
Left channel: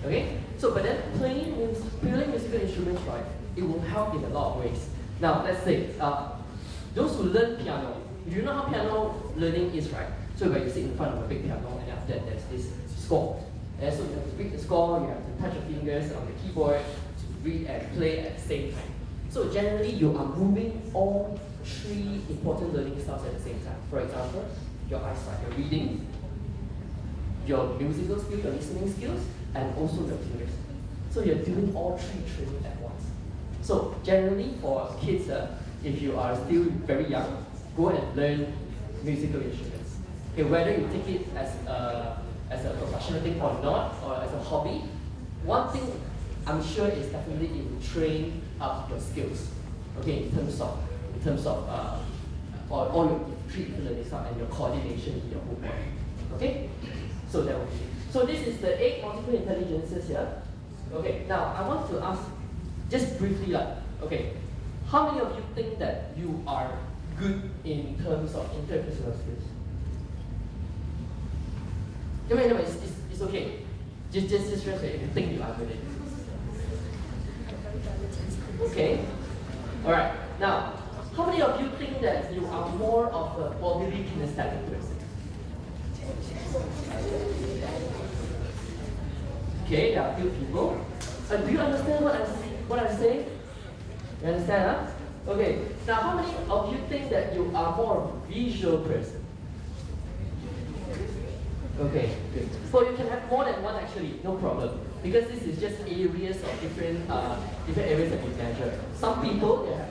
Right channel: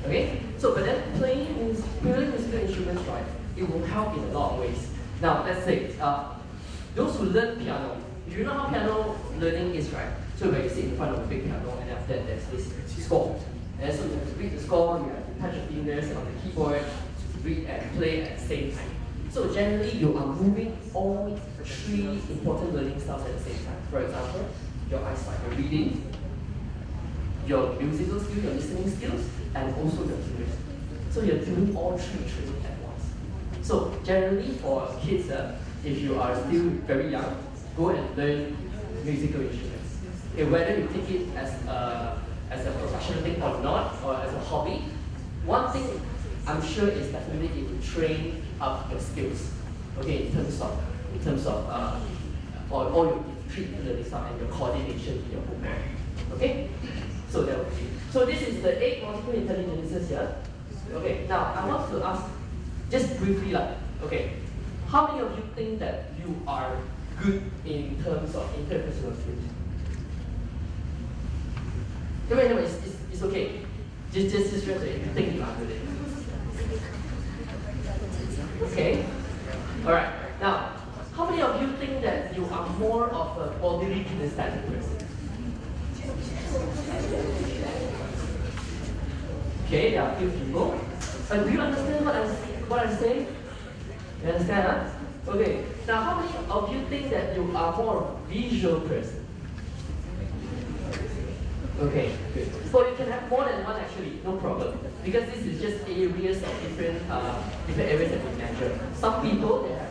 Okay? So but then playing musical instruments, right, it will help in a lot of ways. Now let's say those who learn piano, do you know how piano learning is, right? So when you sit in front of a big piano and after that there's this score. And so you have to read the score, you have to touch your fingers on the keyboard to read and play at the same time. So generally you are moving all three important learning styles at the same time. For example, your eyesight, your reading, your musical skills, your listening skills, and also your fingers. So you're doing all three training at once. So generally for kids, if you are still very young, go and learn musical instruments. Okay, whether you take it as a professional thing or not, or as a hobby, one thing I'm sure is definitely it will train up your skills. Okay, in terms of all your three different learning styles and your coordination in your homework. Okay, so that will be. So this is the 8 multiple intelligences here. Okay, now I want to ask just briefly, like, okay, how many of you think that you are good in terms of interpersonal skills? Anyway, it's It's okay. Just rest if you think you are good at it. Okay? Alright, now, how many of you think that you are more of a bodily kinesthetic person? Okay, there are a few people. But do you understand what I'm saying? You understand, huh? Okay, now how many of you think that you are more of a visual person? Okay, good. So you can have more than one actually, no problem. Because this is just areas of different areas that we measure. Some people they have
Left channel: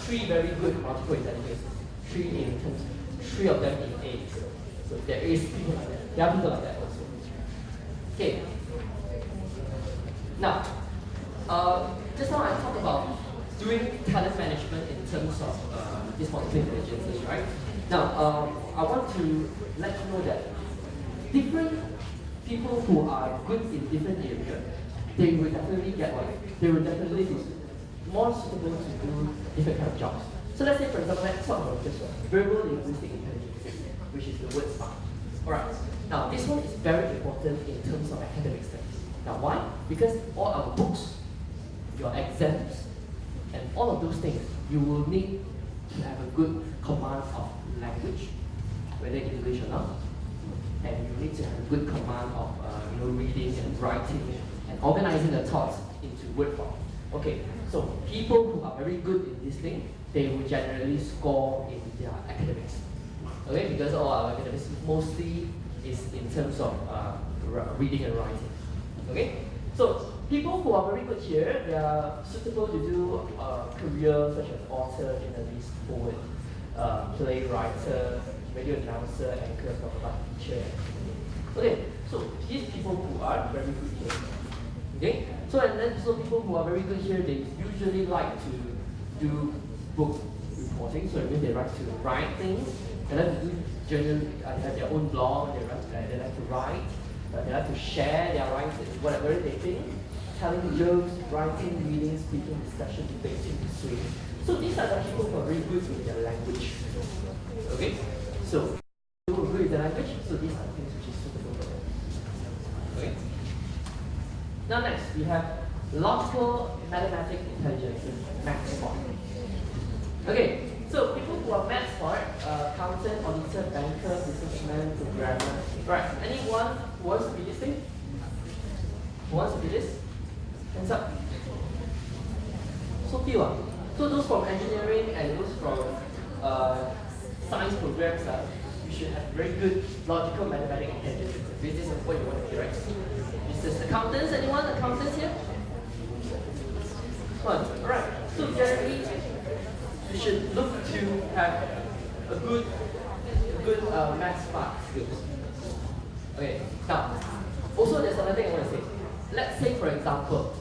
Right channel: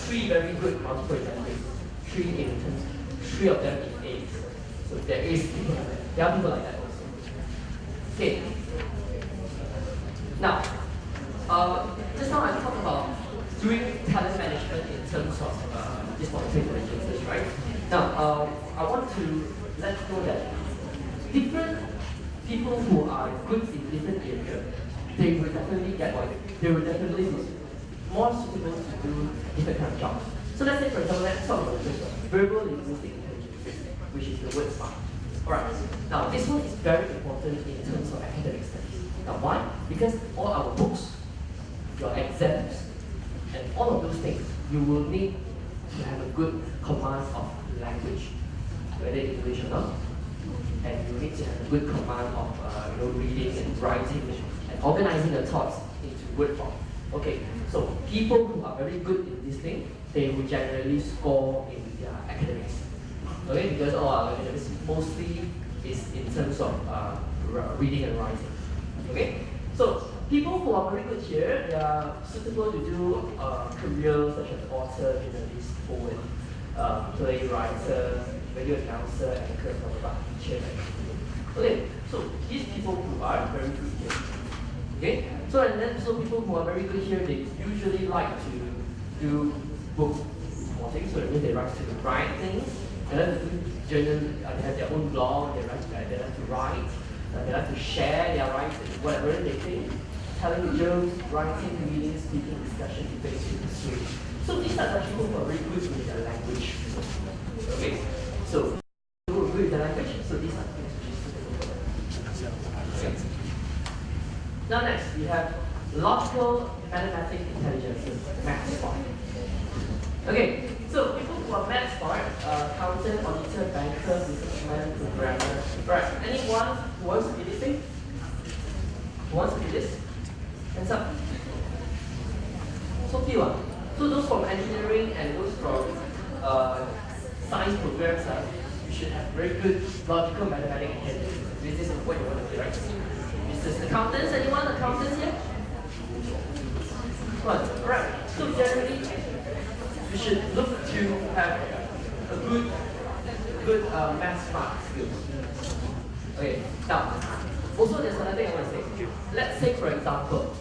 three very good multiple intelligence. Three of them in A's. So there is people like that. There are people like that also. Okay. Now, just now I talked about doing talent management in terms of these multiple intelligences, right? Now, I want to let you know that different people who are good in different areas, they will definitely get what? They will definitely be more suitable to do different kind of jobs. So let's say, for example, let's talk about this one, verbal linguistic intelligence, which is the word SMART. Alright, now this one is very important in terms of academic studies. Now why? Because all our books, your exams, and all of those things, you will need to have a good command of language, whether English or not. And you need to have a good command of reading and writing and organizing the thoughts into word form. Okay, so people who are very good in this thing, they will generally score in their academics. Okay, because all our academics mostly is in terms of reading and writing. Okay, so people who are very good here, they are suitable to do careers such as author, journalist, poet, playwright, radio announcer, anchor, blah, blah, blah, teacher. Okay, so these people who are very good here. Okay, so people who are very good here, they usually like to do book reporting. So it means they like to write things, they like to do journal, they have their own blog, they like to write, they like to share their writing, whatever they think, telling jokes, writing, reading, speaking, discussion, debating, history. So these are the people who are very good with their language. Okay, so people who are good with the language, so these are the things which is suitable for them. Okay. Now next, we have logical mathematic intelligence, math smart. Okay, so people who are math smart, accountant, auditor, banker, businessman, programmer. Right, anyone who wants to be this thing? Who wants to be this? Hands up. So few. So those from engineering and those from science programs, you should have very good logical mathematic intelligence. This is what you want to be, right? Business accountants, anyone accountants here? One. Alright. So generally, you should look to have a good math smart skills. Okay. Now, also there's another thing I want to say. Let's say, for example,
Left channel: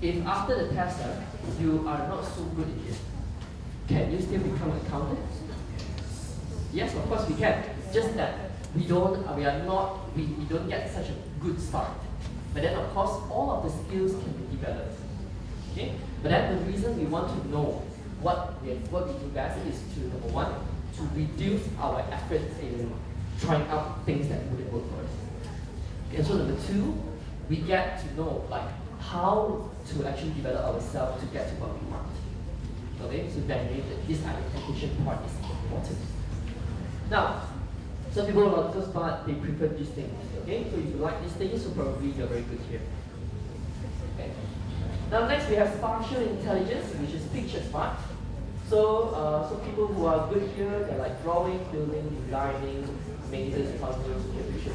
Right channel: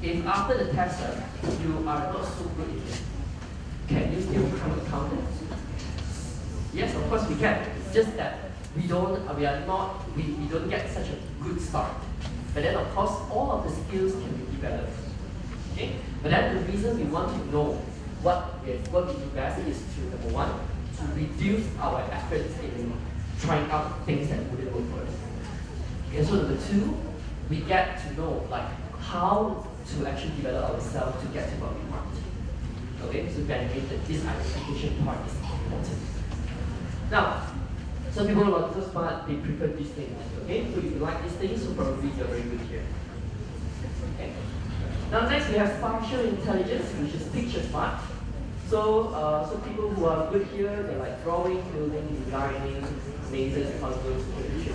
if after the test you are not so good in it, can you still become an accountant? Yes, of course we can. It's just that we don't get such a good start. But then of course all of the skills can be developed. Okay? But then the reason we want to know what we do best is to, number one, to reduce our efforts in trying out things that wouldn't work for us. Okay, so number two, we get to know like how to actually develop ourselves to get to what we want. Okay, so then this identification part is important. Now, some people who are logical smart, they prefer these things. Okay, so if you like these things, so probably you're very good here. Okay. Now next we have spatial intelligence, which is picture smart. So people who are good here, they're like drawing, building, designing, mazes, puzzles, computer.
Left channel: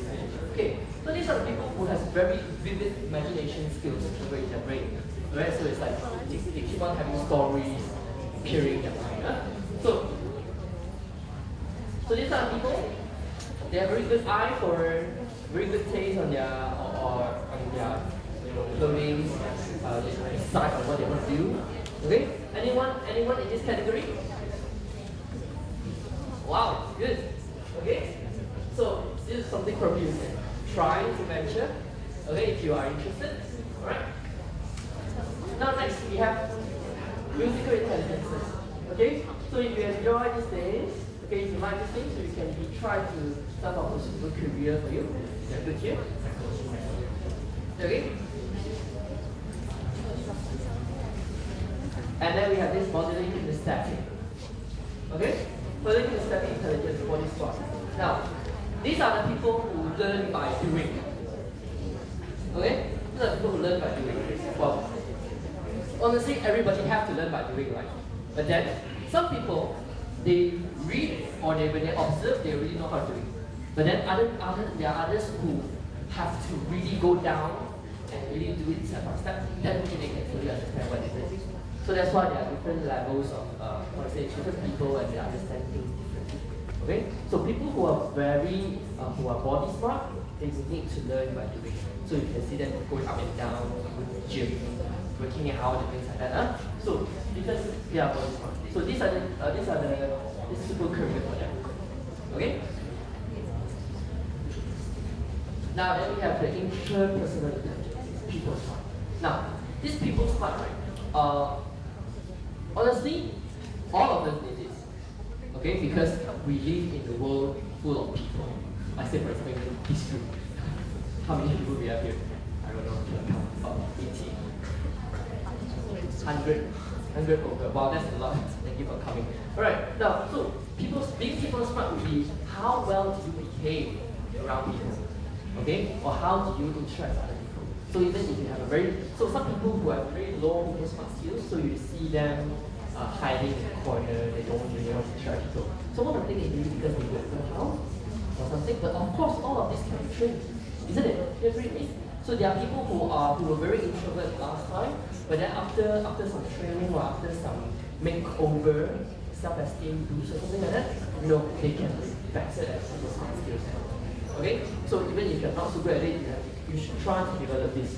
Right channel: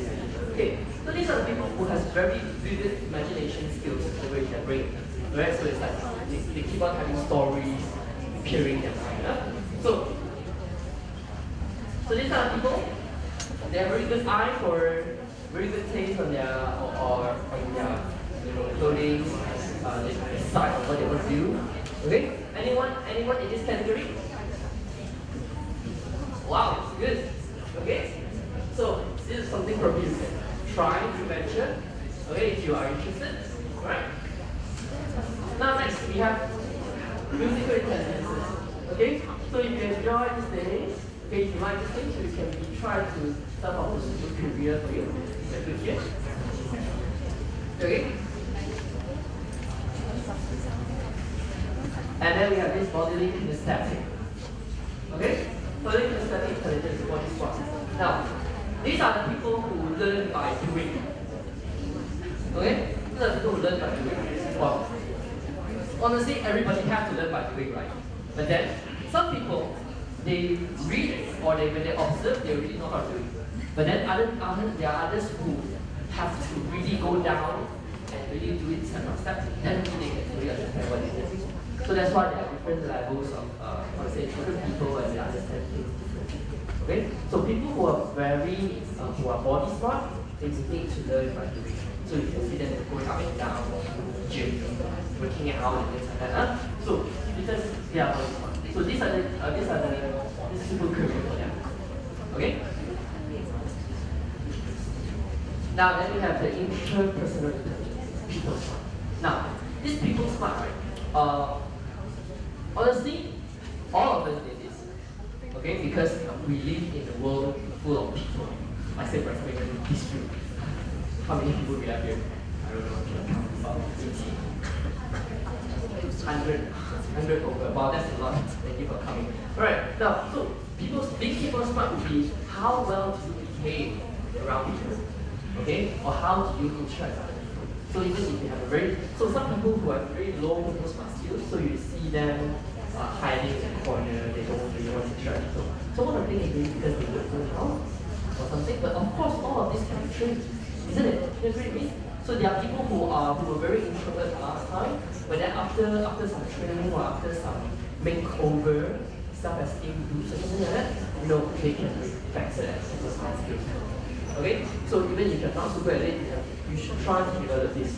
Okay, so these are the people who have very vivid imagination skills over in their brain. Right? So it's like they keep on having stories appearing in their mind. Huh? So these are the people. They have very good eye for very good taste on their on their clothing, they decide on what they want to do. Okay? Anyone in this category? Wow, good. Okay? So this is something probably you can try to venture. Okay, if you are interested. Alright? Now next we have musical intelligences. Okay? So if you enjoy these days, okay, if you like these things, you can try to start off with a good career for you. Good here. Okay. And then we have this bodily kinesthetic. Okay? Bodily kinesthetic intelligence, body smart. Now, these are the people who learn by doing. Okay? These are the people who learn by doing. Well, honestly, everybody has to learn by doing, right? But then, some people, they read it, or when they observe, they really know how to do it. But then there are others who have to really go down and really do it step by step, then they can really understand what it is. So that's why there are different levels of, different people and they understand things differently. Okay? So people who are who are body smart, they need to learn by doing. So you can see them going up and down, gym, working out and things like that. So because they are body smart. So this is a good career for them. Okay? Now then we have the interpersonal people smart. Now, this people smart, right? Honestly, all of us need this. Okay, because we live in a world full of people. I say for example, in this room. How many people we have here? I don't know, about 80. 100 over. Wow, that's a lot. Thank you for coming. Alright, now, so being people smart would be how well do you behave around people? Okay? Or how do you interact with other people? So even if you have some people who have very low people smart skills, so you see them hiding in the corner, they don't really want to interact with people. So one of the things is maybe because they don't know how or something, but of course all of this can be trained, isn't it? You agree with me? So there are people who were very introverted last time, but then after some training or after some makeover, self-esteem boost or something like that, they can excel at super smart skills. Okay? So even if you're not super at it, you should try to develop this.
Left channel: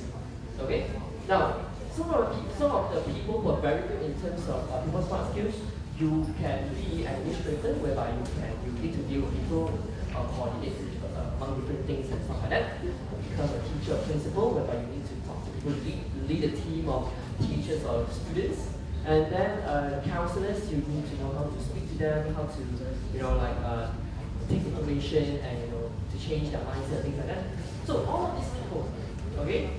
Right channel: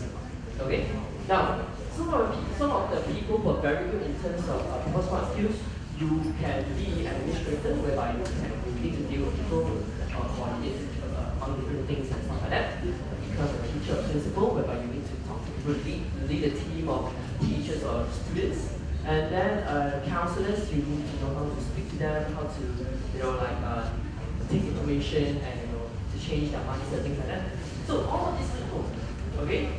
Okay? Now, some of the people who are very good in terms of people smart skills, you can be an administrator whereby you need to deal with people, coordinate on different things and stuff like that. Become a teacher or principal whereby you need to talk to people, lead a team of teachers or students. And then counselors, you need to know how to speak to them, how to take information and to change their mindset, things like that. So all of these people, okay,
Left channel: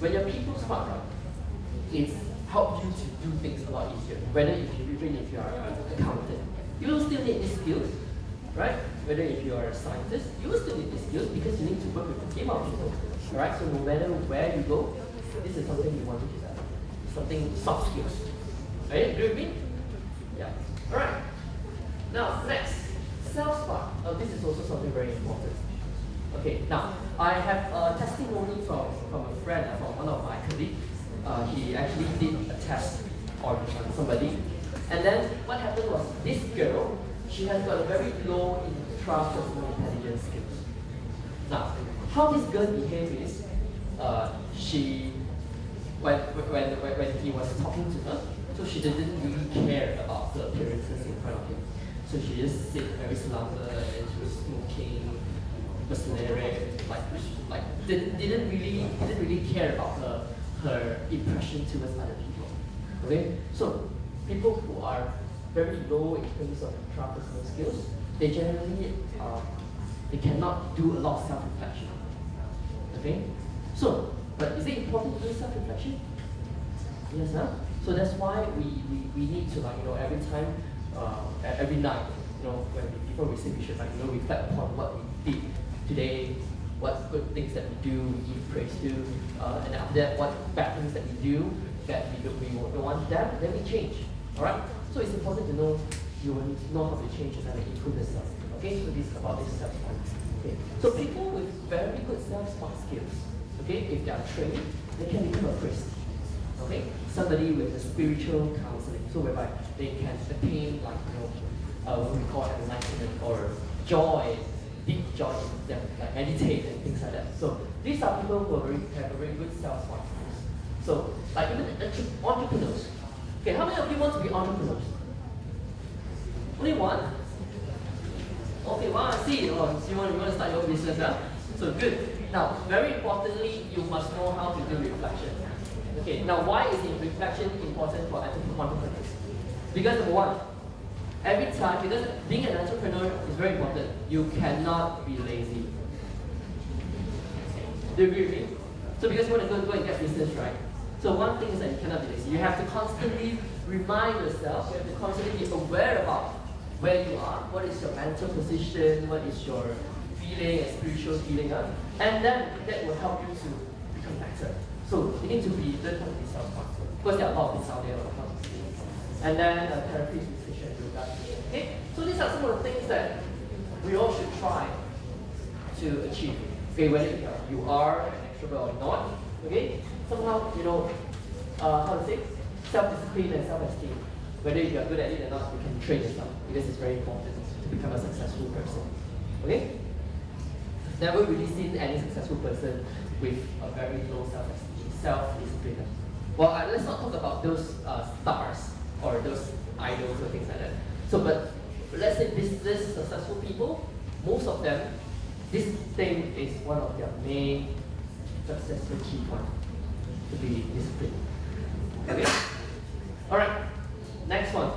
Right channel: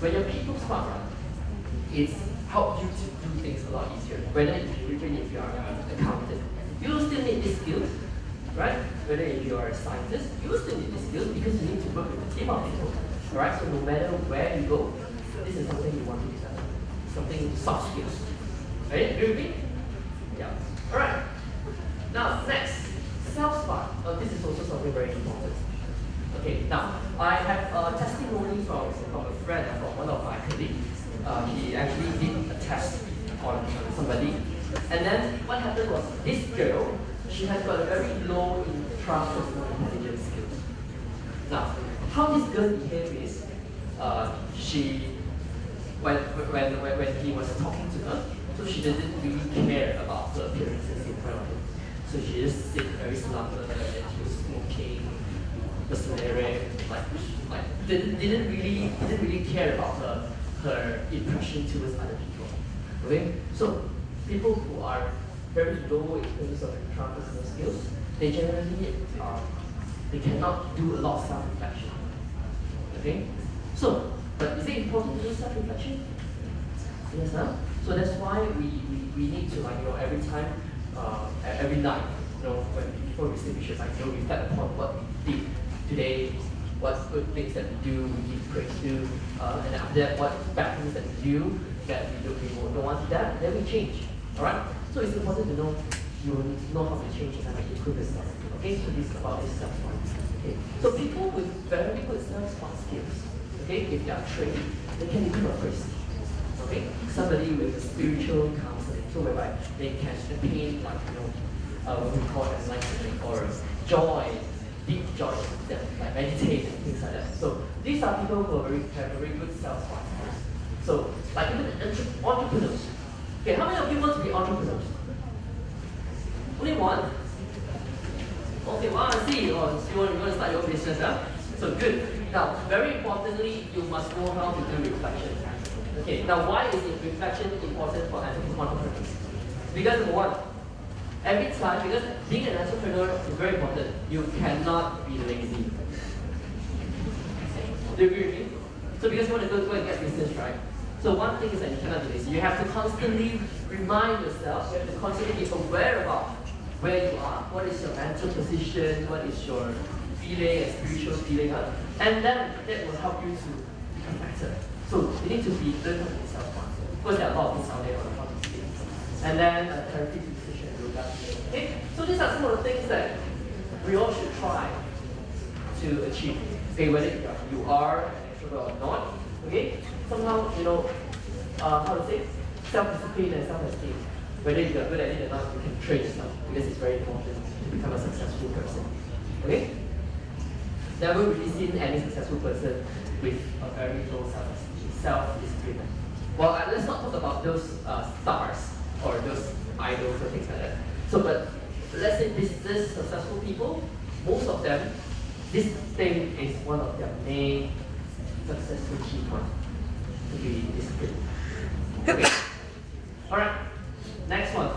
when you're people smart, right, it's help you to do things a lot easier. Even if you are an accountant, you will still need these skills, right? Whether if you are a scientist, you will still need these skills because you need to work with a team of people. Alright, so no matter where you go, this is something you want to develop. Something soft skills. Right? Agree with me? Yeah. Alright. Now next, self-smart. This is also something very important. Okay, now I have a testimony from a friend, from one of my colleagues. He actually did a test on somebody. And then what happened was this girl, she has got a very low intrapersonal intelligence skills. Now, how this girl behaved is, when he was talking to her, so she didn't really care about the appearances in front of him. So she just sit very slumber and she was smoking, mercenary, didn't really care about her impression towards other people. Okay? So people who are very low in terms of intrapersonal skills, they generally they cannot do a lot of self-reflection. Okay? So, but is it important to do self-reflection? Yes, huh? So that's why we need to every time, every night, before we sleep, we should reflect upon what we did today, what good things that we do, we give praise to, and after that, what bad things that we do that we don't want that, then we change. Alright? So it's important to know you know how to change and improve yourself. Okay, so this is about this self-smart. Okay. So people with very good self-smart skills, okay, if they are trained, they can become a priest. Okay? Somebody with a spiritual counseling, so whereby they can attain what we call enlightenment or joy, deep joy, like meditate and things like that. So these are people who have very good self-smart skills. So like even entrepreneurs. Okay, how many of you want to be entrepreneurs? Only one? Okay, well, I see. You want to start your own business, huh? So good. Now, very importantly, you must know how to do reflection. Okay, now why is reflection important for entrepreneurs? Because number one, every time, because being an entrepreneur is very important, you cannot be lazy. Do you agree with me? So because you want to go and get business, right? So one thing is that you cannot be lazy. You have to constantly remind yourself, you have to constantly be aware about where you are, what is your mental position, what is your feeling and spiritual feeling, and then that will help you to become better. So you need to be learn how to be self-conscious. Of course, there are a lot of things out there on how to see. And then therapy, nutrition, yoga. Okay, so these are some of the things that we all should try to achieve. Okay, whether you are an extrovert or not. Okay, somehow how to say self-discipline and self-esteem. Whether you are good at it or not, you can train yourself because it's very important to become a successful person. Okay? Never really seen any successful person with a very low self-esteem, self-discipline. Well, let's not talk about those stars or those idols or things like that. So, but let's say this successful people, most of them, this thing is one of their main successful key points to be disciplined. Okay. All right. Next one.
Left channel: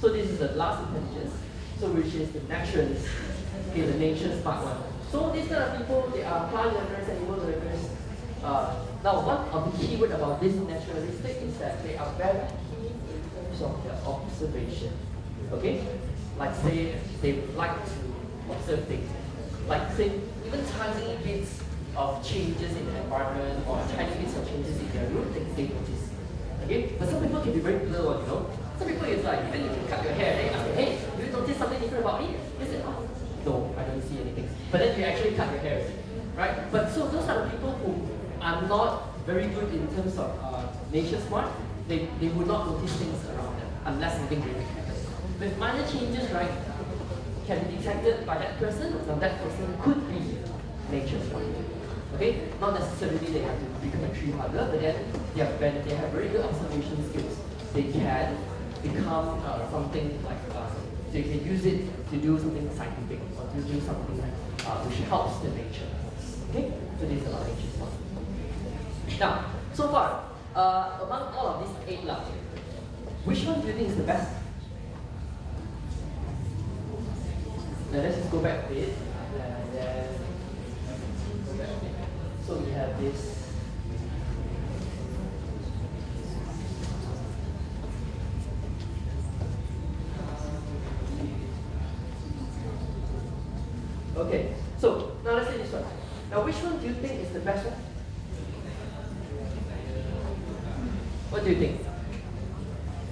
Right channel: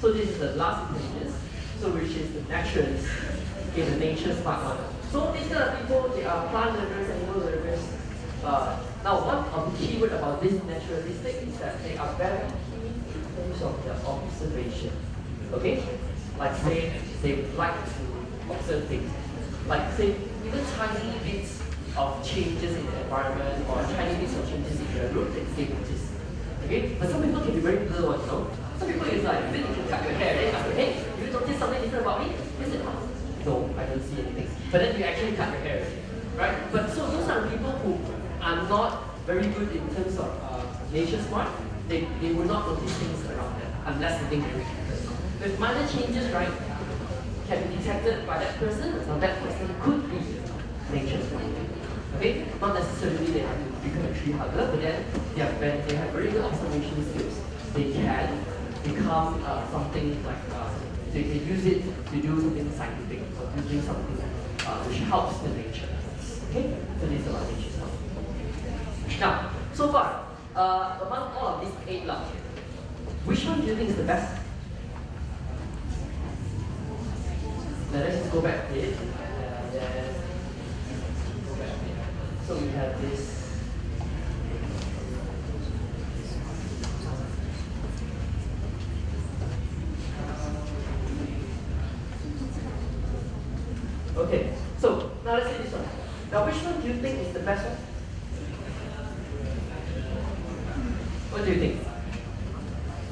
So this is the last intelligence. So which is the naturalist. Okay, the nature smart one. So these kind of people, they are plant learners, animal learners. Now, one of the key word about this naturalistic is that they are very keen in terms of their observation. Okay? Like say, they like to observe things. Like say, even tiny bits of changes in the environment or tiny bits of changes in their room, they notice. Okay? But some people can be very blur, Some people is like, even if you cut your hair, they ask you, hey, you notice something different about me? They say, oh, no, I don't see anything. But then you actually cut your hair, right? But so those are the people who are not very good in terms of nature smart. They will not notice things around them unless something very happens. If minor changes, right, can be detected by that person, now that person could be nature smart. Okay? Not necessarily they have to become a tree hugger, but then they have very good observation skills. They can become something like, they can use it to do something scientific or to do something which helps the nature. Okay? So this is about nature smart. Now, so far, among all of these 8 laws, which one do you think is the best? Now let's just go back a bit, and then go back a bit. So we have this. Okay, so now let's say this one. Now which one do you think is the best one? What do you think?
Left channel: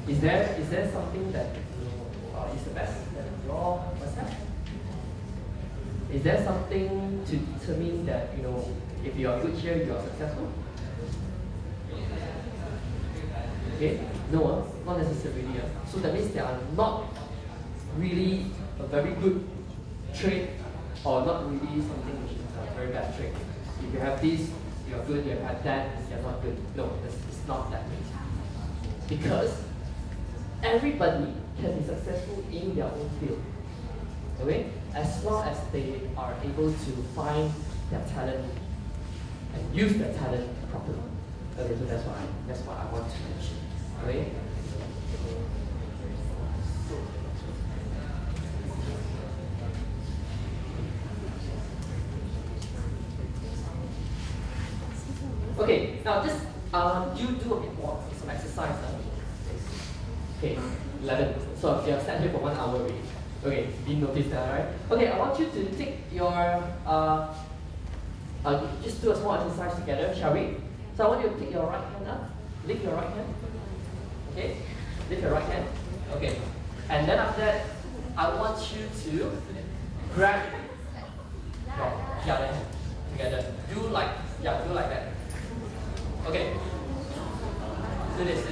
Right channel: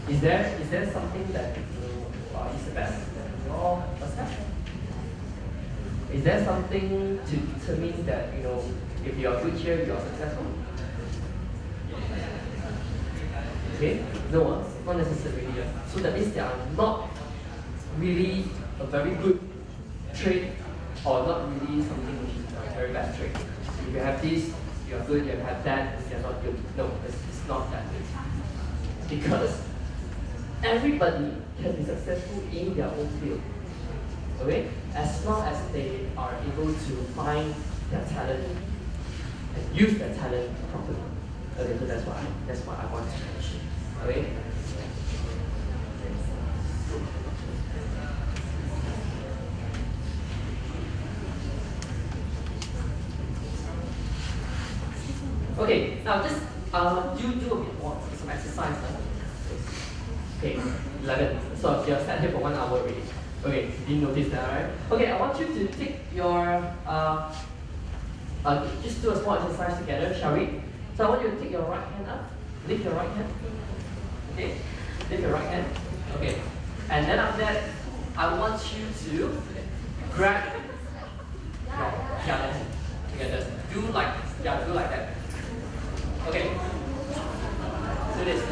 Is there something that is the best that you all must have? Is there something to determine that if you are good here, you are successful? Okay, no, not necessarily. So that means they are not really a very good trait, or not really something which is a very bad trait. If you have this, you are good. You have that, you are not good. No, it's not that way. Because everybody can be successful in their own field. Okay? As long as they are able to find their talent and use their talent properly. Okay, so that's what I want to mention. Okay? Okay, now this you do a bit more some exercise. Okay, 11. So you have sat here for 1 hour already. Okay, didn't notice that, right? Okay, I want you to take your just do a small exercise together, shall we? So I want you to take your right hand up, lift your right hand. Okay, lift your right hand. Okay, and then after that, I want you to grab your other hand together. Do like that. Okay. Do this.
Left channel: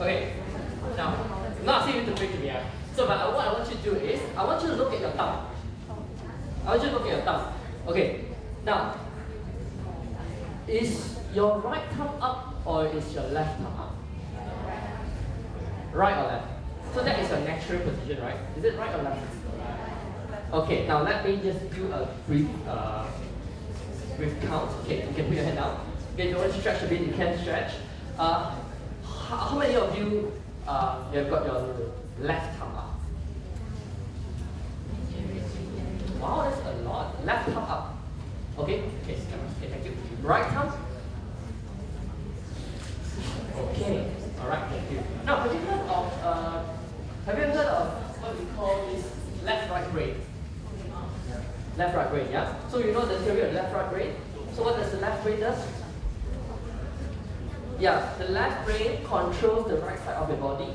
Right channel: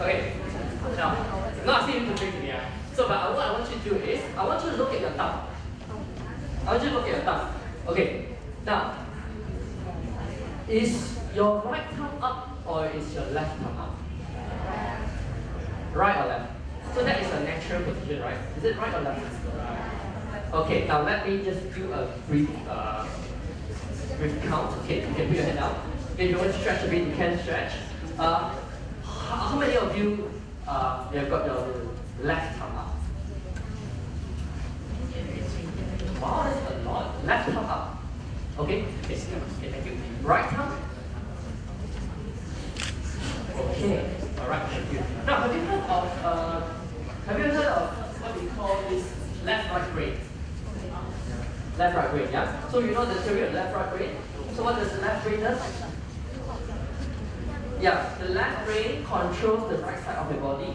Okay. Now, I'm not asking you to bring to me. So, but what I want you to do is, I want you to look at your thumb. Okay. Now, is your right thumb up or is your left thumb up? Right or left? So that is your natural position, right? Is it right or left? Okay. Now let me just do a brief count. Okay, you can put your hand down. Okay, if you want to stretch a bit, you can stretch. How many of you have got your left thumb up? Wow, that's a lot. Left thumb up. Okay? Okay, thank you. Right thumb. Okay, alright, thank you. Now, have you heard of what we call this left-right brain? Left-right brain, yeah? So you know the theory of left-right brain? So what does the left brain does? Yeah, the left brain controls the right side of the body.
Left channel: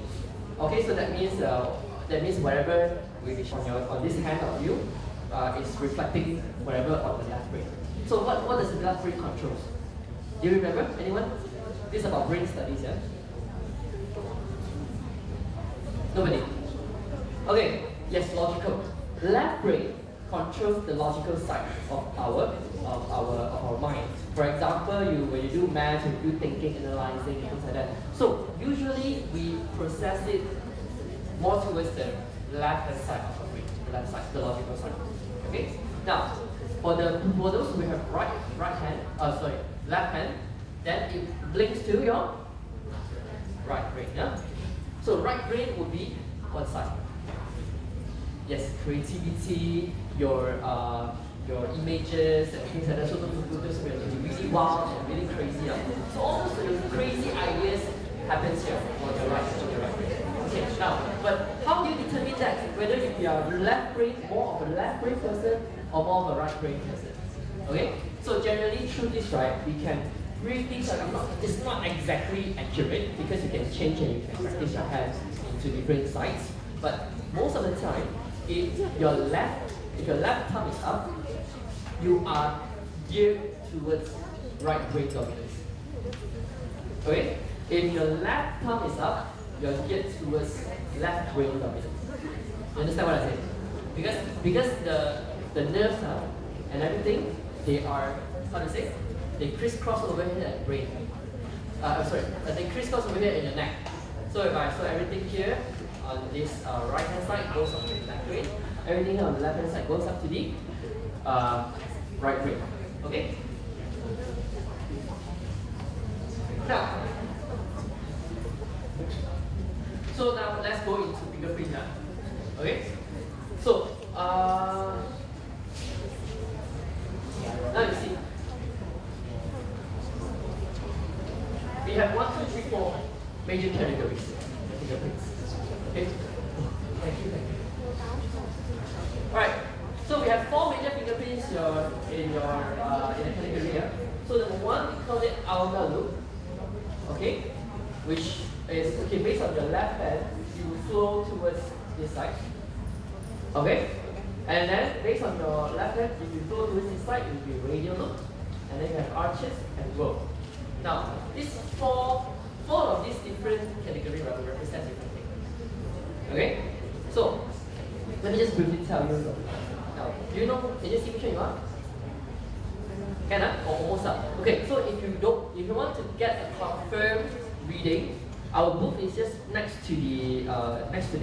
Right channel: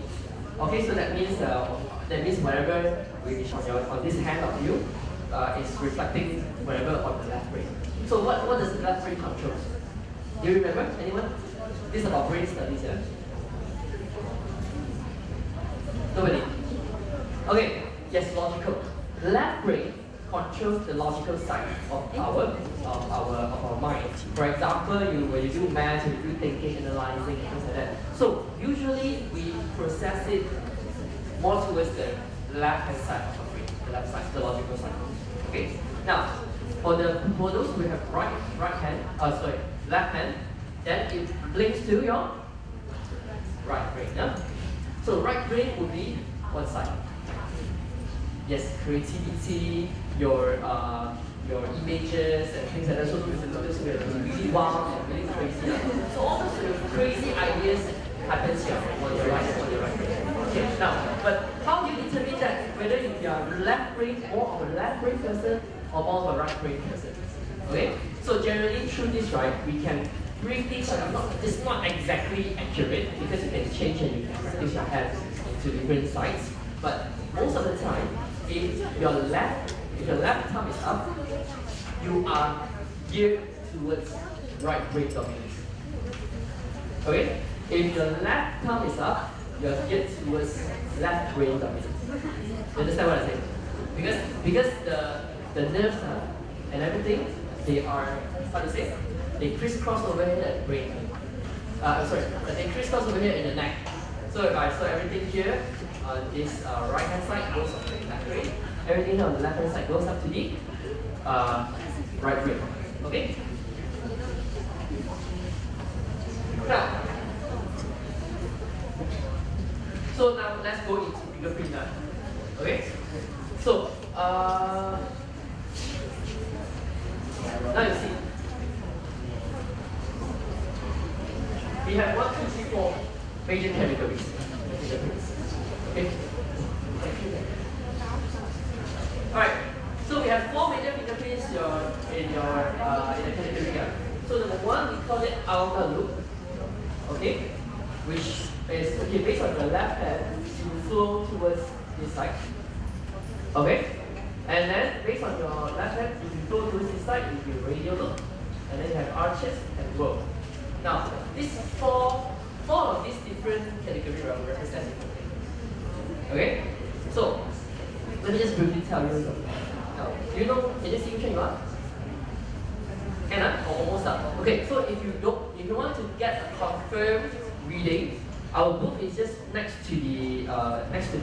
Okay, so that means whatever which on this hand of you is reflecting whatever on the left brain. So what does the left brain control? Do you remember? Anyone? This is about brain studies, yeah? Nobody? Okay, yes, logical. Left brain controls the logical side of our mind. For example, when you do math, you do thinking, analyzing, things like that. So usually we process it more towards the left hand side of our brain, the left side, the logical side. Okay. Now, for those who have left hand, then it blinks to your right brain. Yeah. So right brain would be one side. Yes, creativity, your images and things like that. So those will be really wild and really crazy. So all those crazy ideas happens here on your right brain. Okay, now, but how do you determine that whether you are more of a left brain person or more of a right brain person? Okay, so generally through this, right, we can briefly tell you, it's not exactly accurate because you can change and you can practice your hands into different sides. But most of the time, if your left thumb is up, you are geared towards right brain dominance. Okay? If your left thumb is up, you are geared towards left brain dominance. You understand what I say? Because the nerves and everything, they are, how to say? They crisscross over here at brain. They crisscross over here in the neck. So if I saw everything here on this right hand side goes up to the left brain, everything here on the left hand side goes up to the right brain. Okay? Now, so now let's go into fingerprint now. Okay? So now you see. We have 1, 2, 3, 4 major categories of fingerprints. Okay? Thank you. Alright, so we have 4 major fingerprints in the category here. So number 1, we call it ulnar loop. Okay? Which is, based on the left hand, you flow towards this side. Okay? And then based on your left hand, if you flow towards this side, it will be radial loop. And then you have arches and row. Now, these four of these different categories represent different things. Okay? So, let me just briefly tell you. Now, do you know, can you see which one you are? Can or almost up? Okay, so if you want to get a confirmed reading, our booth is just next to the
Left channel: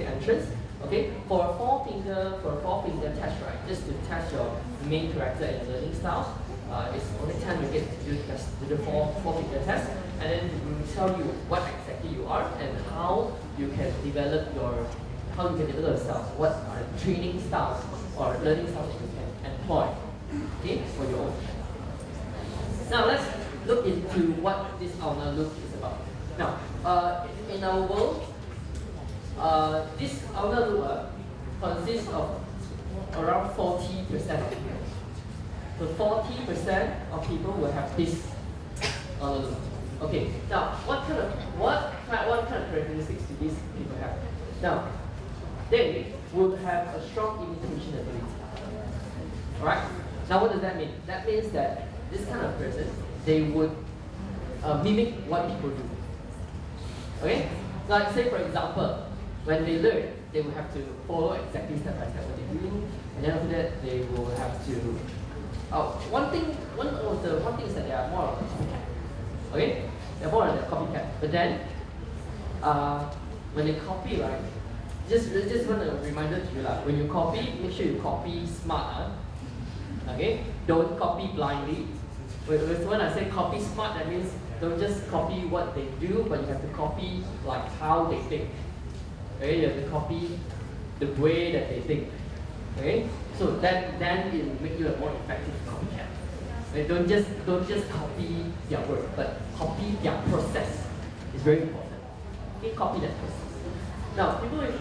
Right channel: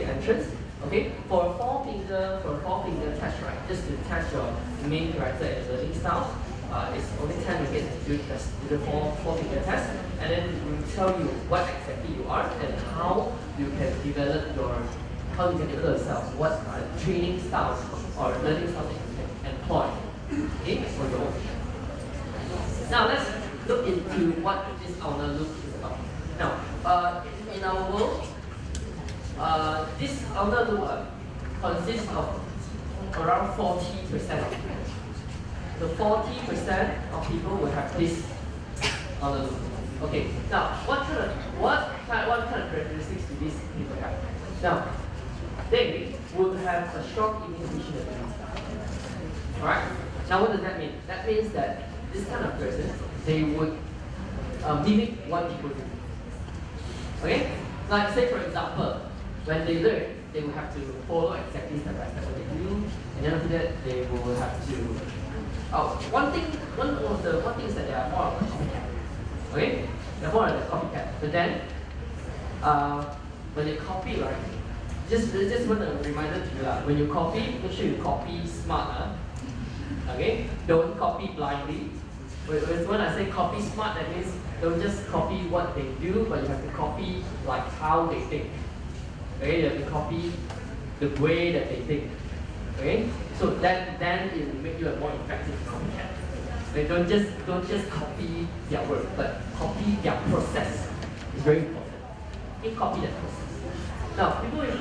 entrance. Okay, for a four finger test, right? Just to test your main character and learning style. It's only 10 ringgit to do the four finger test, and then we will tell you what exactly you are and how you can develop yourself. What training styles or learning styles that you can employ, okay, for your own. Now let's look into what this ulnar loop is about. Now, in our world, this ulnar loop consists of around 40% of people. So 40% of people will have this ulnar loop. Okay. Now, what kind of characteristics do these people have? Now, they will have a strong imitation ability. Alright? Now, what does that mean? That means that this kind of person, they would mimic what people do. Okay? Like, say for example, when they learn, they will have to follow exactly step by step what they do, and then after that, they will have to. One thing is that they are more of a copycat. Okay? They're more of a copycat. But then, when they copy, right? Just want a reminder to you, when you copy, make sure you copy smart. Okay? Don't copy blindly. When I say copy smart, that means don't just copy what they do, but you have to copy like how they think. Okay? You have to copy the way that they think. Okay? So then it will make you a more effective copycat. They don't just copy their work, but copy their process. It's very important. Okay, copy that process. Now, people with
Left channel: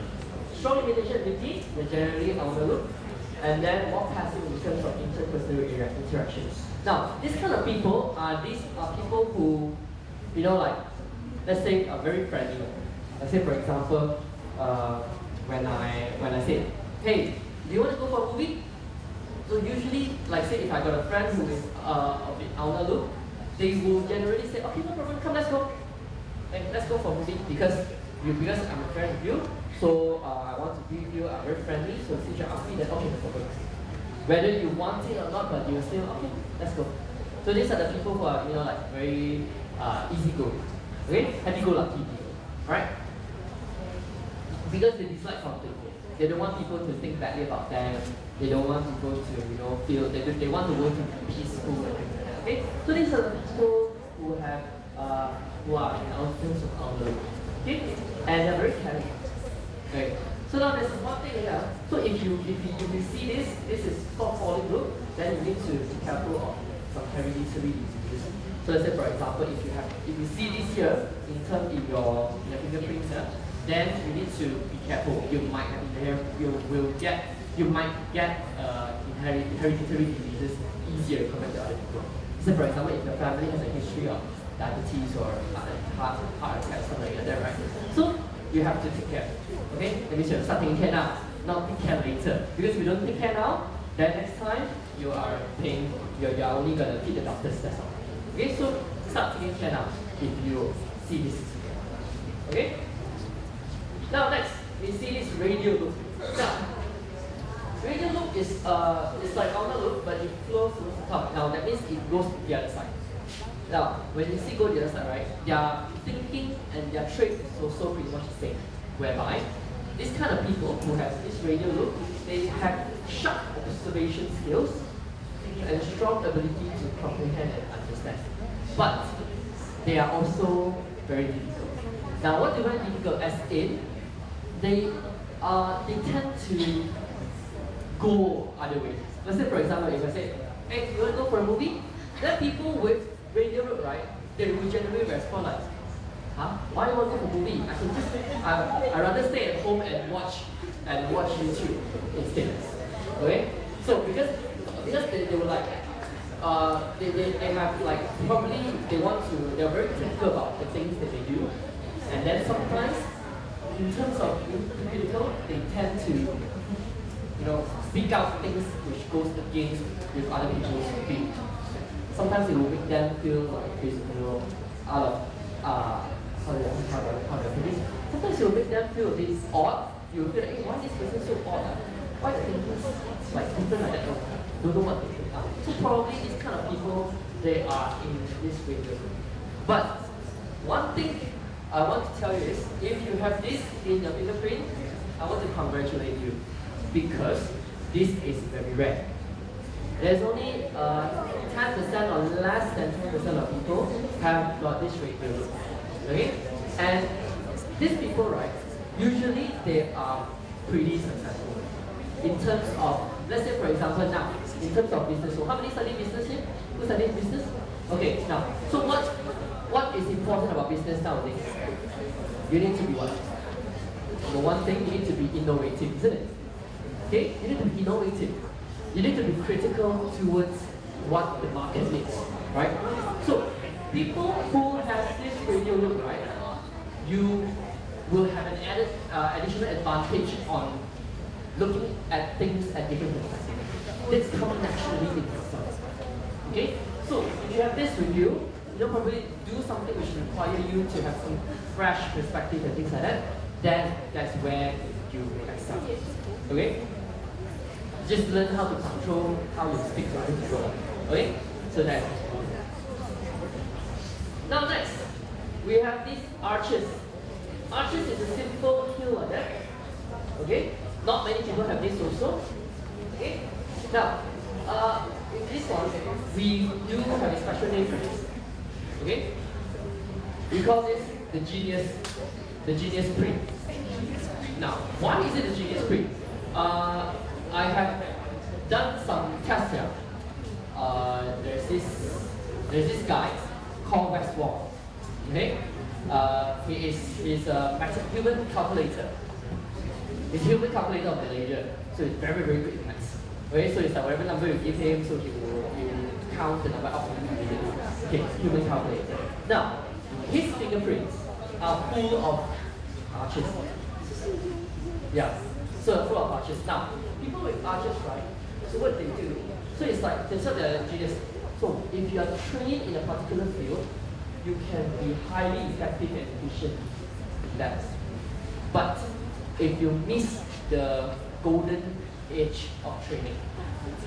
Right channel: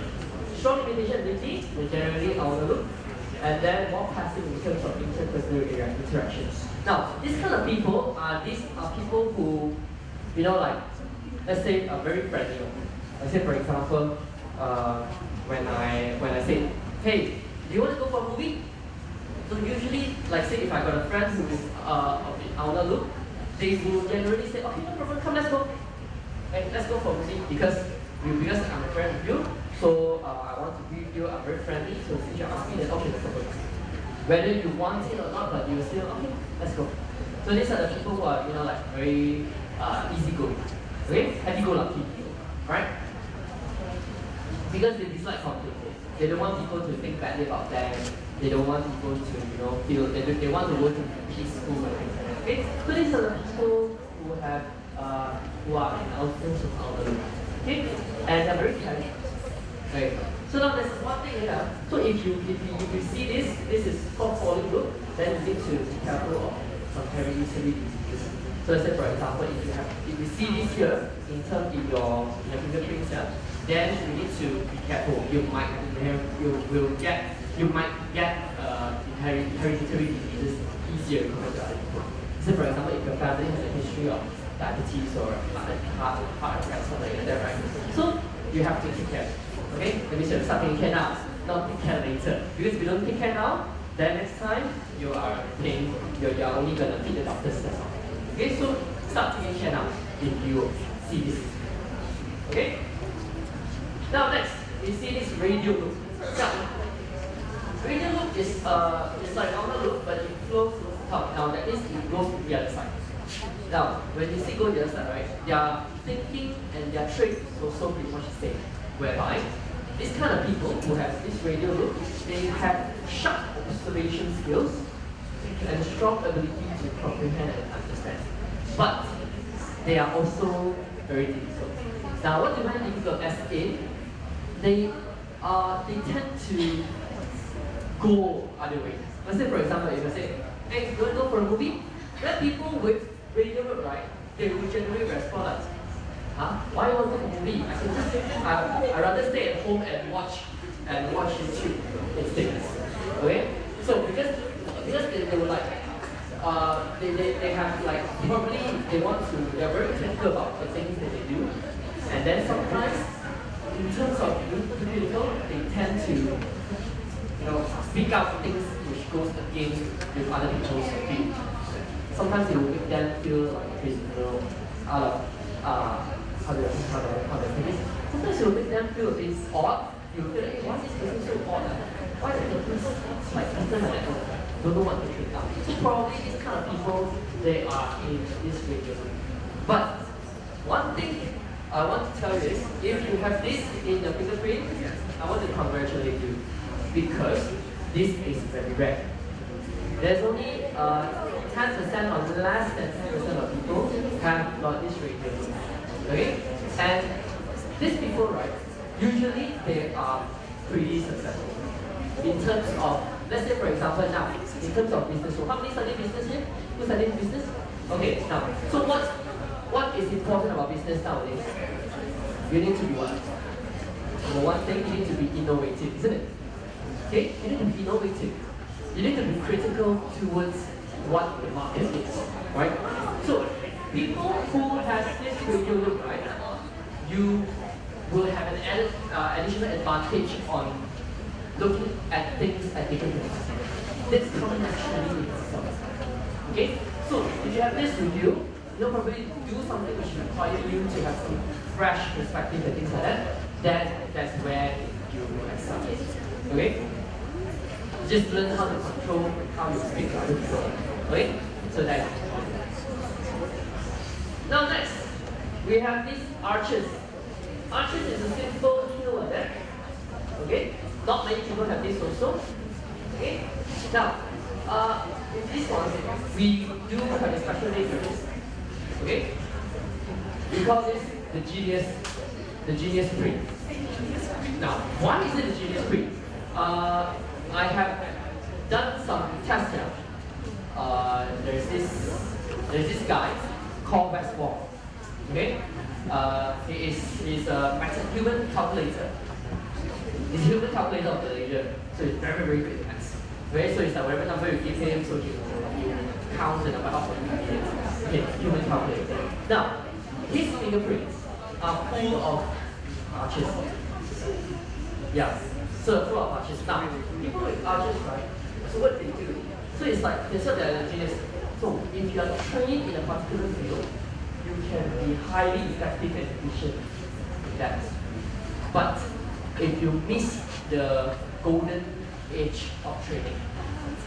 strong imitation ability will generally out of the loop, and then more passive in terms of interpersonal interactions. Now, these kind of people are people who, like, let's say, are very friendly. Let's say, for example, when I say, hey, do you want to go for a movie? So usually, like say, if I got a friend who is a bit out of the loop, they will generally say, okay, no problem, come, let's go. Hey, let's go for a movie because I'm a friend of you, so I want to be with you, I'm very friendly, so since you ask me, then okay, no problem. Whether you want it or not, but you still, okay, let's go. So these are the people who are, like very easygoing, okay? Happy-go-lucky people, alright? Because they dislike conflict. They don't want people to think badly about them. They don't want people to, feel, they want the world to be peaceful and things like that, okay? So these are the people who have, who are in our terms of our loop, okay? And they're very caring. Okay. So now there's one thing here. So if you see this is called falling loop, then you need to be careful of some hereditary diseases. So let's say for example, if you see this here in your fingerprints here, then you need to be careful. You might get hereditary diseases easier compared to other people. So for example, if your family has a history of diabetes or heart attack, something like that, right? So you have to take care. Okay? Maybe you should start taking care now, not take care later. Because if you don't take care now, then next time you are paying, you're only gonna feed the doctors, that's all. Okay, so start taking care now if you see this. Okay? Now next, we see this radial loop. Now, radial loop is it's like outer loop, but it flows to the top. Now that means it goes to the other side. Now, when you see go to the other side, right, their thinking and their trait is also pretty much the same. Whereby, these kind of people who have this radial loop, they have sharp observation skills and strong ability to comprehend and understand. But they are also very difficult. Now, what do I mean difficult? As in, they tend to go other ways. Let's say, for example, if I say, hey, you want to go for a movie? Then people with radial loop, right, they will generally respond like, huh? Why you want to go to a movie? I could just I'd rather stay at home and watch YouTube instead. Okay? So because they were like they have like probably they're very critical about the things that they do. And then sometimes in terms of critical, they tend to speak out things which goes against with other people's view. Sometimes it will make them feel like out of how do I put it? Sometimes it will make them feel a bit odd. You will feel like, hey, why is this person so odd? Why is it like something like that? Don't know what to think out. So probably these kind of people, they are in this region. But one thing I want to tell you is, if you have this in your fingerprint, I want to congratulate you because this is very rare. There's only 10% or less than 10% of people have got this radial loop. Okay? And these people, right, usually they are pretty successful. In terms of, let's say for example now, in terms of business, so how many study business here? Who studied business? Okay, now, so what is important about business nowadays? You need to be what? Number one thing, you need to be innovative, isn't it? Okay? You need to be innovative. You need to be critical towards what the market needs, right? So, people who have this radial loop, right, you will have an additional advantage on looking at things at different perspectives. This comes naturally in itself. Okay? So, if you have this with you, you'll probably do something which requires you to have some fresh perspective and things like that, then that's where you excel. Okay? Just learn how to control how you speak to other people. Okay? So that's now next, we have these arches. Arches is a simple hill like that. Okay? Not many people have this also. Okay? Now, with this one, we do have a special name for this. Okay? We call this the genius print. Now, why is it a genius print? I have done some tests here. there's this guy called Westwall. Okay, he's a human calculator. He's a human calculator of Malaysia, so he's very very good at maths. Okay, so it's like whatever number you give him, so he will count the number out for you. Okay, human calculator. Now, his fingerprints are full of arches. Yeah, so full of arches. Now, people with arches, right? So what they do? So it's like they're genius. So if you are trained in a particular field, you can be highly effective and efficient in that. But if you miss the golden age of training,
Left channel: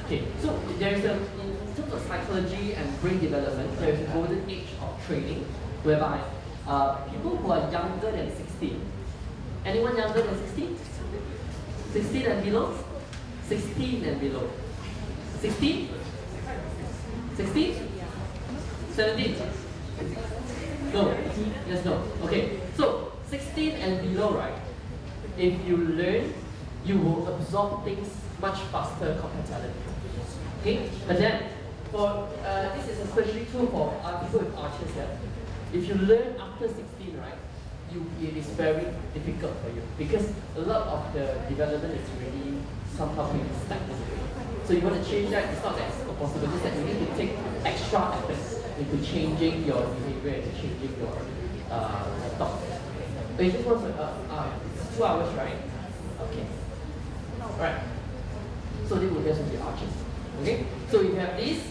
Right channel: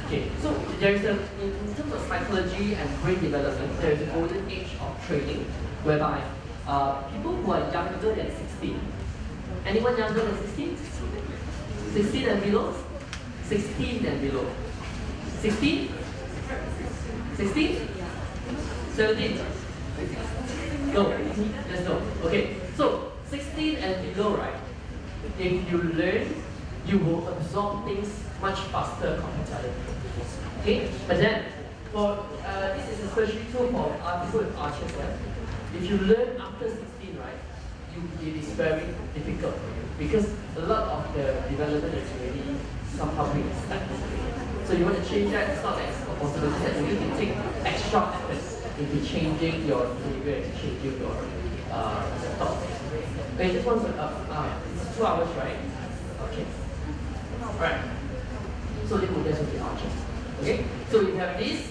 okay, so there is in terms of psychology and brain development, there is a golden age of training whereby people who are younger than 16, anyone younger than 16? 16 and below? 16 and below. 16? 16? 17? No, yes, no. Okay, so 16 and below, right? If you learn, you will absorb things much faster compared to other people. Okay, but then for this is especially true for people with arches. Yeah? If you learn after 16, right, it is very difficult for you because a lot of the development is really somehow being stagnant. So you want to change that. It's not that it's a possibility that you need to take extra effort into changing your behavior and changing your thoughts. Okay, just want to it's 2 hours, right? Okay. Alright. So this will just be arches. Okay? So you have this.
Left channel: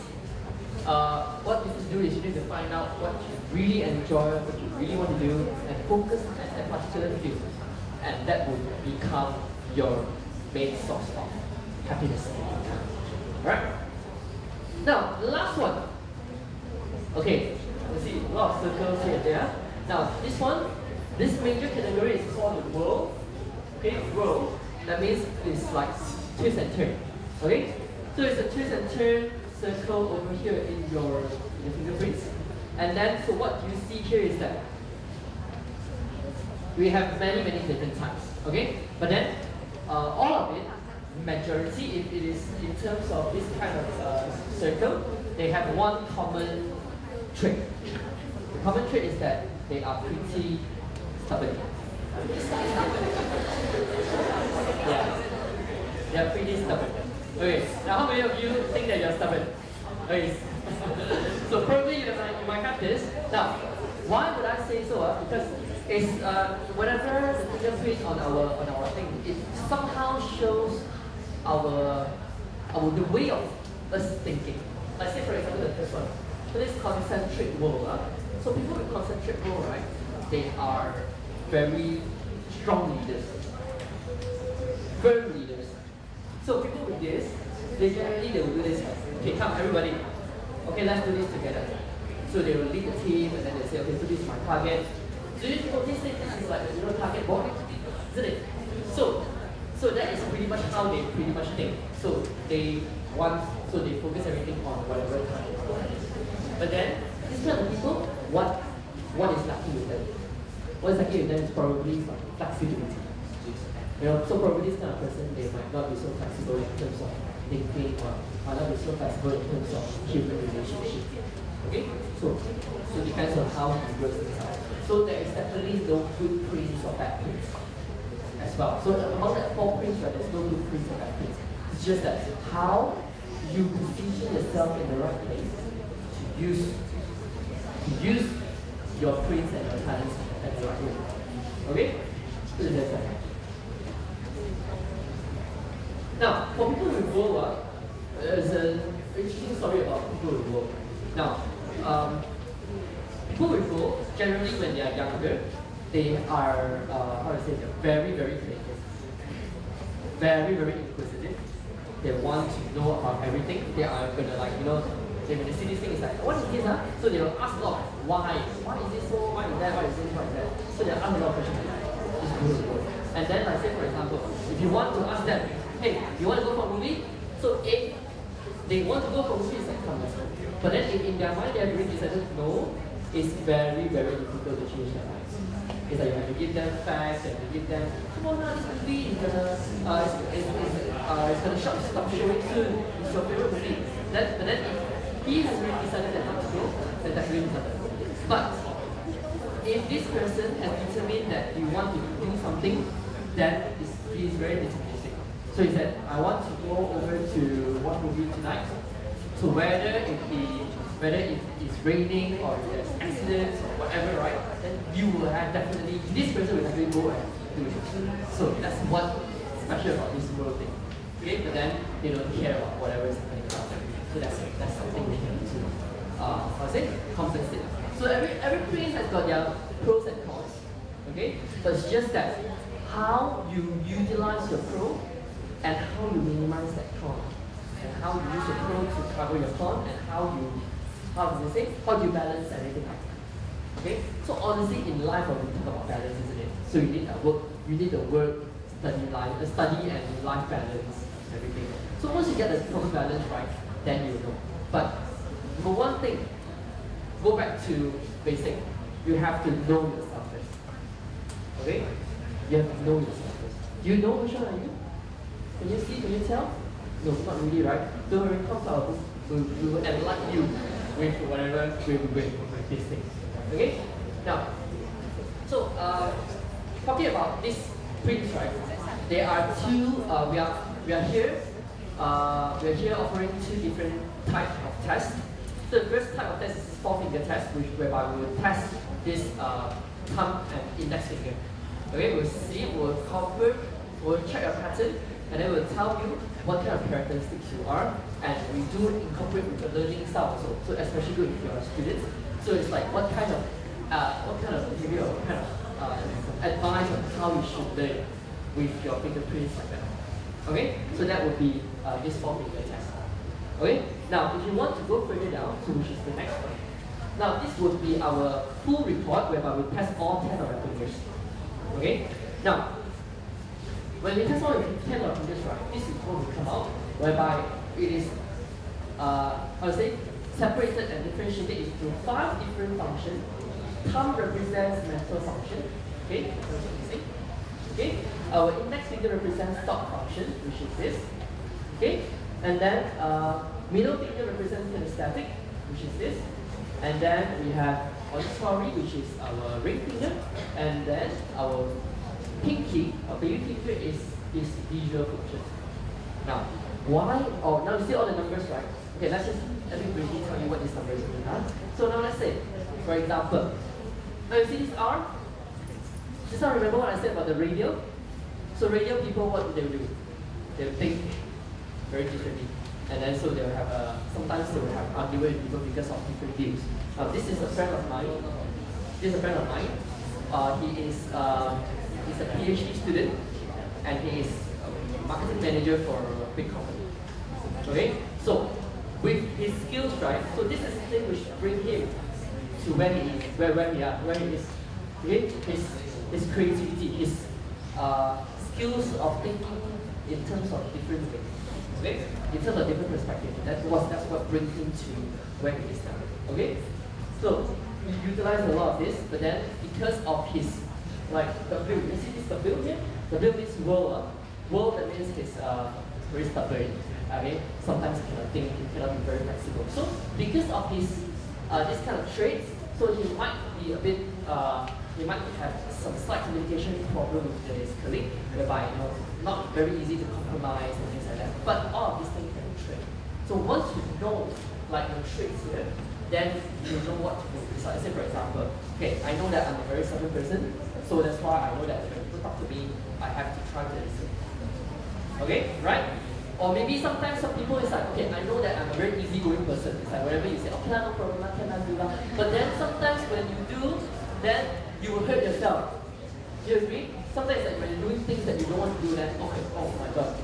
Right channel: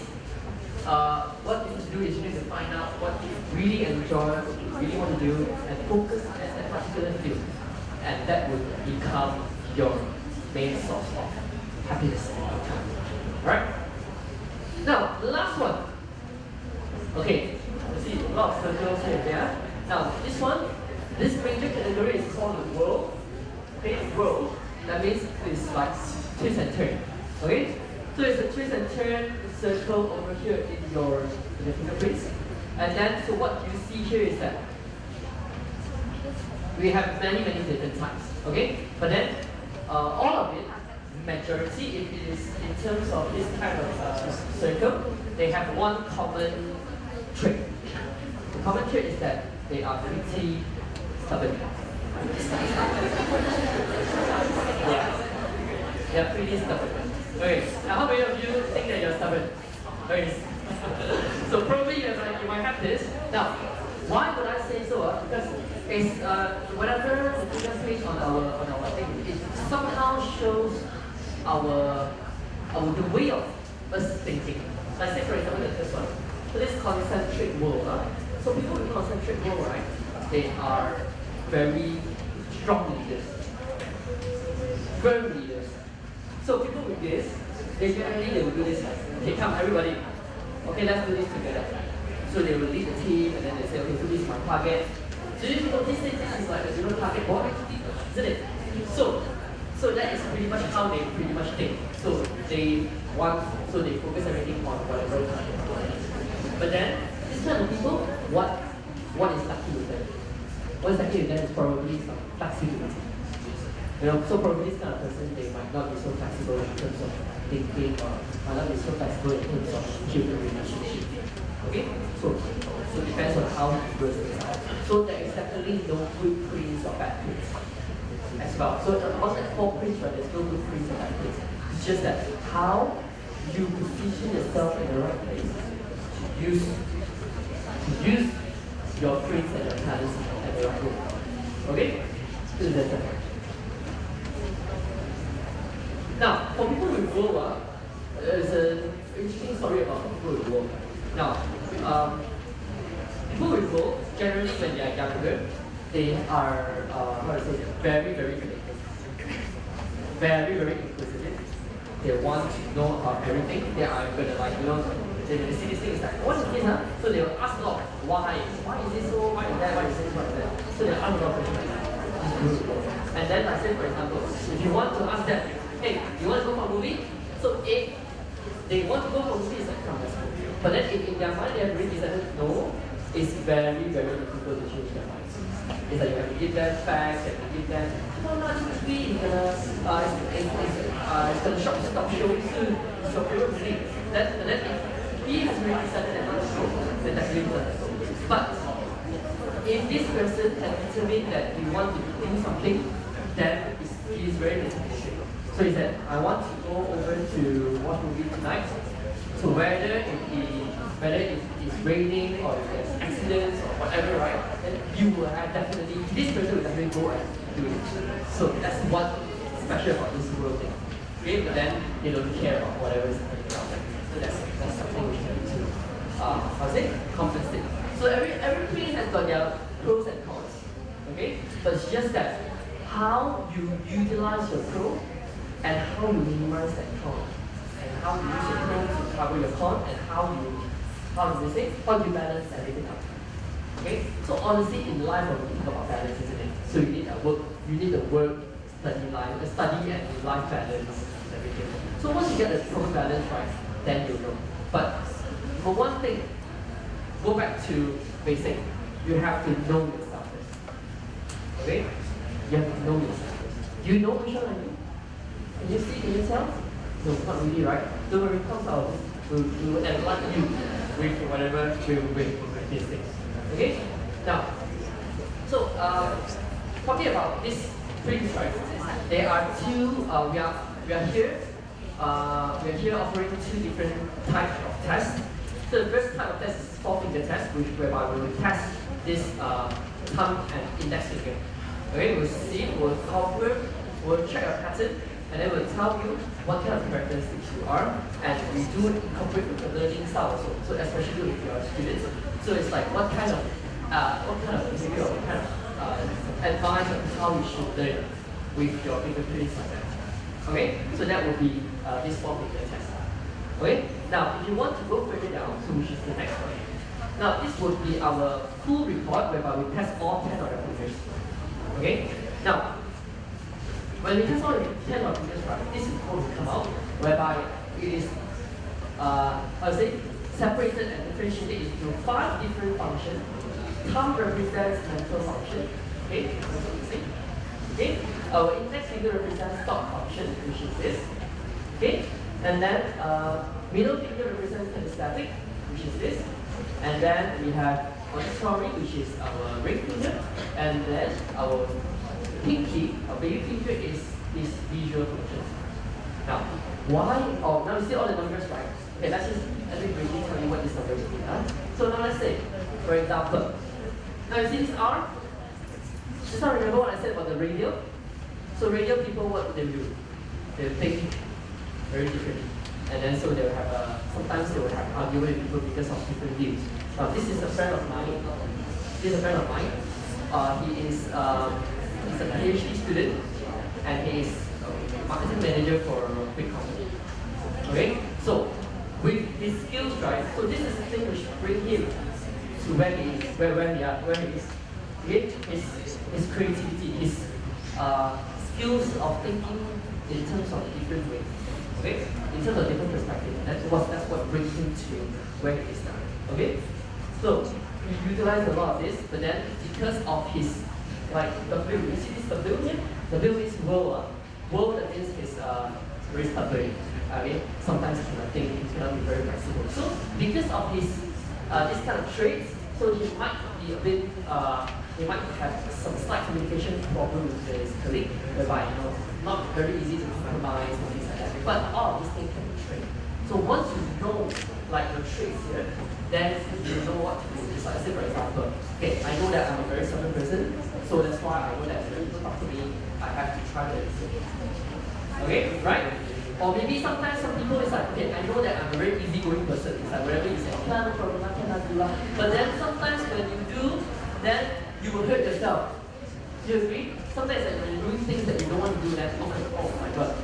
What you need to do is you need to find out what you really enjoy, what you really want to do, and focus at that particular field. And that will become your main source of happiness. Alright? Now, the last one. Okay, let's see, a lot of circles here and there. Now, this major category is called the world. Okay, world. That means it's like twist and turn. Okay? So it's a twist and turn circle over here in your fingerprints. And then, so what you see here is that we have many different types. Okay? But then, all of it, majority, if it is in terms of this kind of circle, they have one common trait. The common trait is that they are pretty stubborn. Yeah, they're pretty stubborn. Okay, now how many of you think that you're stubborn? Okay. So probably you might have this. Now, why would I say so? Because it's whatever the fingerprint on our thing, it somehow shows our the way of us thinking. Let's say for example the first one. So this concentric world. So people with concentric world, right? They are very strong leaders. Firm leaders. So people with this, they will do this. Okay, come everybody. Okay, let's do this together. So they will lead the team and then they say, okay, so this is my target. Do you notice this is like a target board? Isn't it? So that is pretty much how they pretty much think. So they focus everything on whatever target. But then this kind of people, what is lucky with them? What is lucky with them is probably some flexibility. So probably this kind of person, they might not be so flexible in terms of thinking or might not be so flexible in terms of human relationship. Okay? So it depends on how he grows inside. So there is definitely no good prints or bad prints as well. So among that 4 prints, right, there's no good prints or bad prints. It's just that how you position yourself in the right place to use your prints and your talents at the right way. Okay? So that's that. Now, for people with World, there's an interesting story about people with World. Now, people with World, generally when they are younger, they are, very creative. Very inquisitive. They want to know about everything. They are gonna when they see this thing, it's like, what is this, huh? So they will ask a lot, why? Why is this so? Why is that? Why is this? Why is that? So they'll ask a lot of questions like that. And then, like say for example, if you want to ask them, hey, you want to go for a movie? So if they want to go for a movie, it's like, come, let's go. But then in their mind, they have already decided no, it's very difficult to change their minds. It's like you have to give them facts, you have to give them, come on, this movie is gonna stop showing soon. It's your favorite movie. But then he has already decided that not to go, then definitely he doesn't go. But if this person has determined that he wants to do something, then he is very determined. So he said, I want to go over to watch movie tonight. So whether it's raining or if there's accidents or whatever, right? Then you will have definitely, this person will definitely go and do it. So that's what special about this world thing. Okay, but then they don't care about whatever is happening around them. So that's something we need to compensate. So every place has got their pros and cons. Okay? But it's just that how you utilize your pro and how you minimize that con. And how you use your pro to cover your con and how do you balance everything up. Okay? So honestly in life when we think about balance, isn't it? So you need the work, study and life balance, everything. So once you get the proper balance right, then you'll know. But for one thing, go back to basic. You have to know yourself first. Okay? You have to know yourself first. You know which one are you? Can you see? Can you tell? No, not really, right? Don't worry, come out of this. We will enlighten you with whatever with these things. Okay? Now, so talking about these prints, right? There are two. We are here offering two different types of tests. So the first type of test is 4-finger test, whereby we will test this thumb and index finger. Okay, we'll check your pattern, and then we'll tell you what kind of characteristics you are, and we do incorporate with the learning style also. So especially with your students. So it's like what kind of behavior, what kind of advice on how you should learn with your fingerprints like that. Okay, so that would be this 4-finger test. Okay, now if you want to go further down, so which is the next one. Now this would be our full report whereby we test all 10 of your fingers. Okay, now when we test all 10 of your fingers, right, this is what will come out, whereby it is separated and differentiated into 5 different functions. Thumb represents mental function. Okay, okay. Our index finger represents thought function, which is this. Okay, and then middle finger represents kinesthetic, which is this. And then we have auditory, which is our ring finger, and then our pinky, our baby finger is visual function. Now, why? Oh, now you see all the numbers, right? Okay, let me briefly tell you what these numbers mean. So now let's say, for example, now you see this R? Just now remember what I said about the radial? So radial people, what do? They think very differently. And then so they will have sometimes they will have argument with people because of different views. This is a friend of mine. He's he's a PhD student and he is a marketing manager for a big company. Okay? So with his skills, right? So this is the thing which brings him to where he is, where he is. Okay? His creativity, his skills of thinking in terms of different ways. Okay? In terms of different perspectives. That's what brings him to where he is now. Okay? So he utilized a lot of this, but then because of his W, you see this W here? W means world. World that means he's very stubborn. Okay? Sometimes he cannot think, he cannot be very flexible. So because of his this kind of traits, so he might be a bit he might have some slight communication problem with his colleague, whereby not very easy to compromise and things like that. But all of these things can be trained. So once you know like the traits here, then you know what to do. So I say for example, okay, I know that I'm a very stubborn person, so that's why I know that when people talk to me, I have to try to listen. Okay, right? Or maybe sometimes some people is like, okay, I know that I'm a very easygoing person. It's like whatever you say, okay, no problem, I cannot do that. But then sometimes when you do, then you will hurt yourself. Do you agree? Sometimes like when you're doing things that you don't want to do, then oh my god,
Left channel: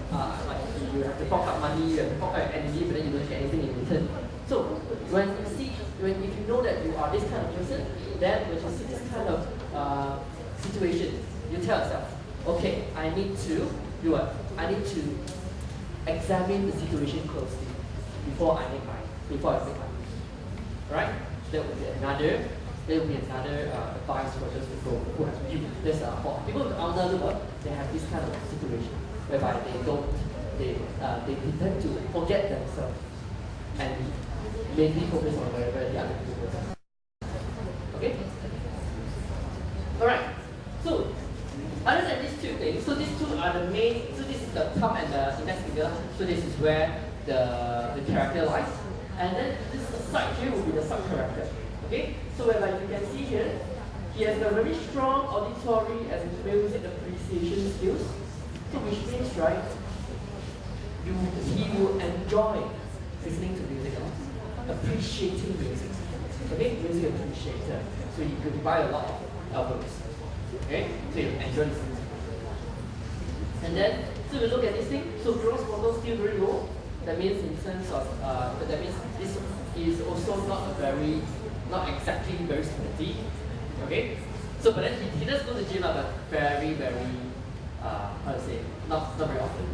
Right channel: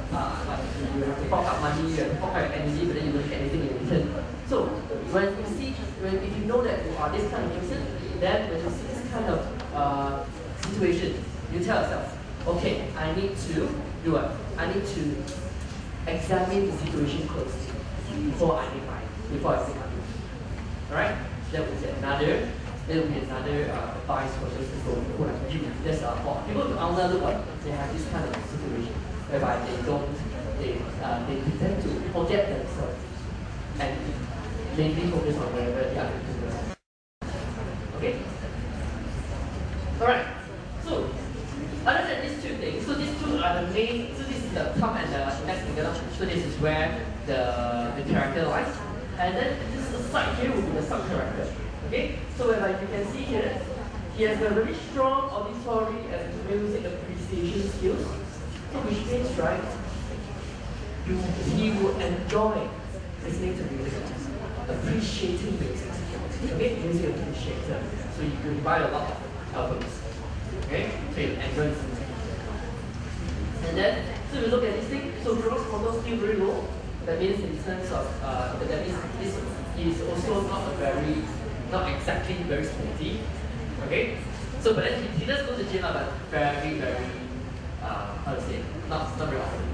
like you have to fork out money, you have to fork out energy, but then you don't get anything in return. So if you know that you are this kind of person, then when you see this kind of situation, you tell yourself, okay, I need to do what? I need to examine the situation closely before I make my move. Right? That would be another advice for those people who have this for people with ulnar what they have this kind of situation whereby they tend to forget themselves and mainly focus on wherever the other people are. Okay? Alright, so other than these two things, so these two are the main, so this is the thumb and the index finger, so this is where the character lies. And then this side here will be the sub-character. Okay? So whereby you can see here, he has a very strong auditory and music appreciation skills. So which means, right, he will enjoy listening to music, appreciating music. Okay? Music appreciator. So you could buy a lot of albums. Okay? So you enjoy listening. And then, so we look at this thing, so gross motor still very low. That means in terms of, that means this is also not exactly very sporty. Okay? So, but then he does go to the gym, but very, how to say, not very often.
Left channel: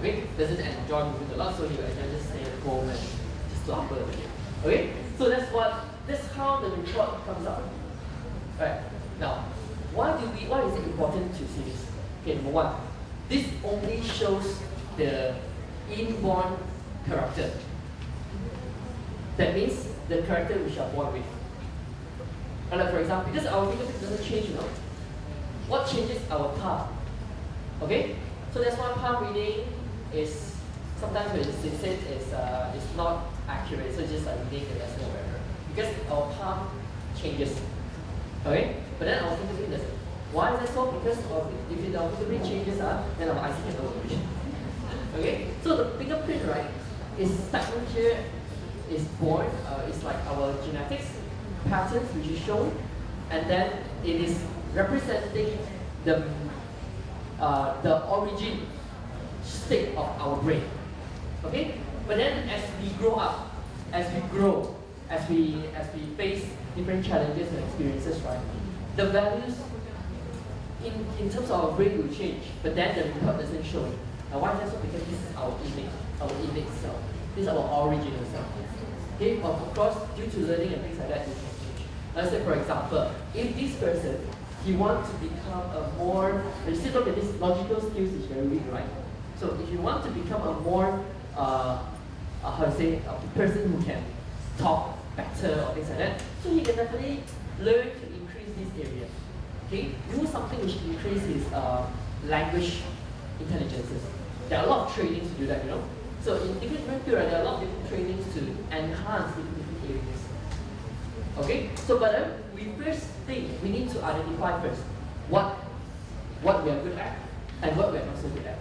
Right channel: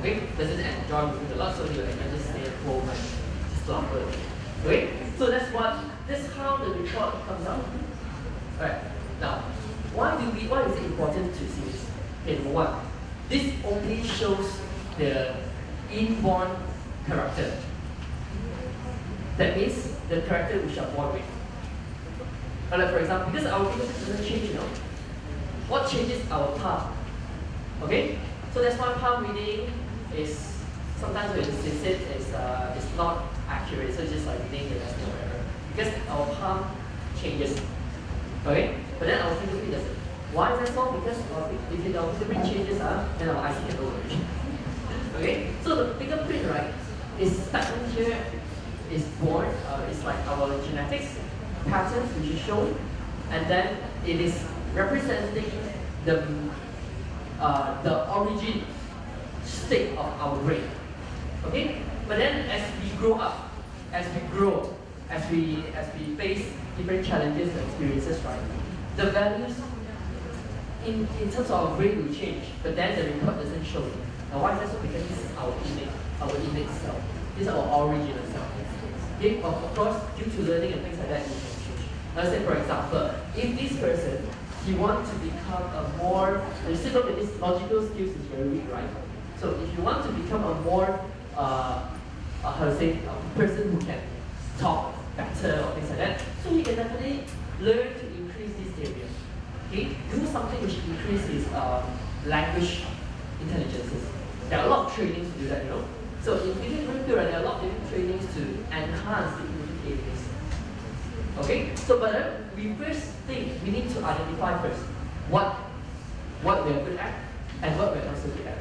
Okay? Doesn't enjoy moving a lot, so he will just stay at home and just slumber. Okay? So that's how the report comes out. Alright. Now, why is it important to see this? Okay, number one, this only shows the inborn character. That means the character which are born with. Like for example, because our fingertips doesn't change, what changes our palm? Okay? So that's why palm reading is sometimes when they say it's not accurate, so just like reading the lesson or whatever. Because our palm changes. Okay? But then our fingerprint doesn't. Why is that so? Because if our fingerprint changes, then our eyes can also change. Okay? So the fingerprint, right, is starting here, is born, it's like our genetics patterns which is shown, and then it is representing the origin state of our brain. Okay? But then as we grow up, as we grow, as we face different challenges and experiences, right, the values in terms of our brain will change, but then the report doesn't show it. Now why is that so? Because this is our innate self. This is our original self. Okay? Of course, due to learning and things like that, it can change. Let's say for example, if this person, he wants to become a more, you still look at this logical skills is very weak, right? So if you want to become a more, how to say, a person who can talk better or things like that, so he can definitely learn to increase this area. Okay? Do something which increases language intelligences. There are a lot of trainings to do that, So in different fields, there are a lot of different trainings to enhance the different areas. Okay? So but we first think we need to identify first what we are good at and what we are not so good at.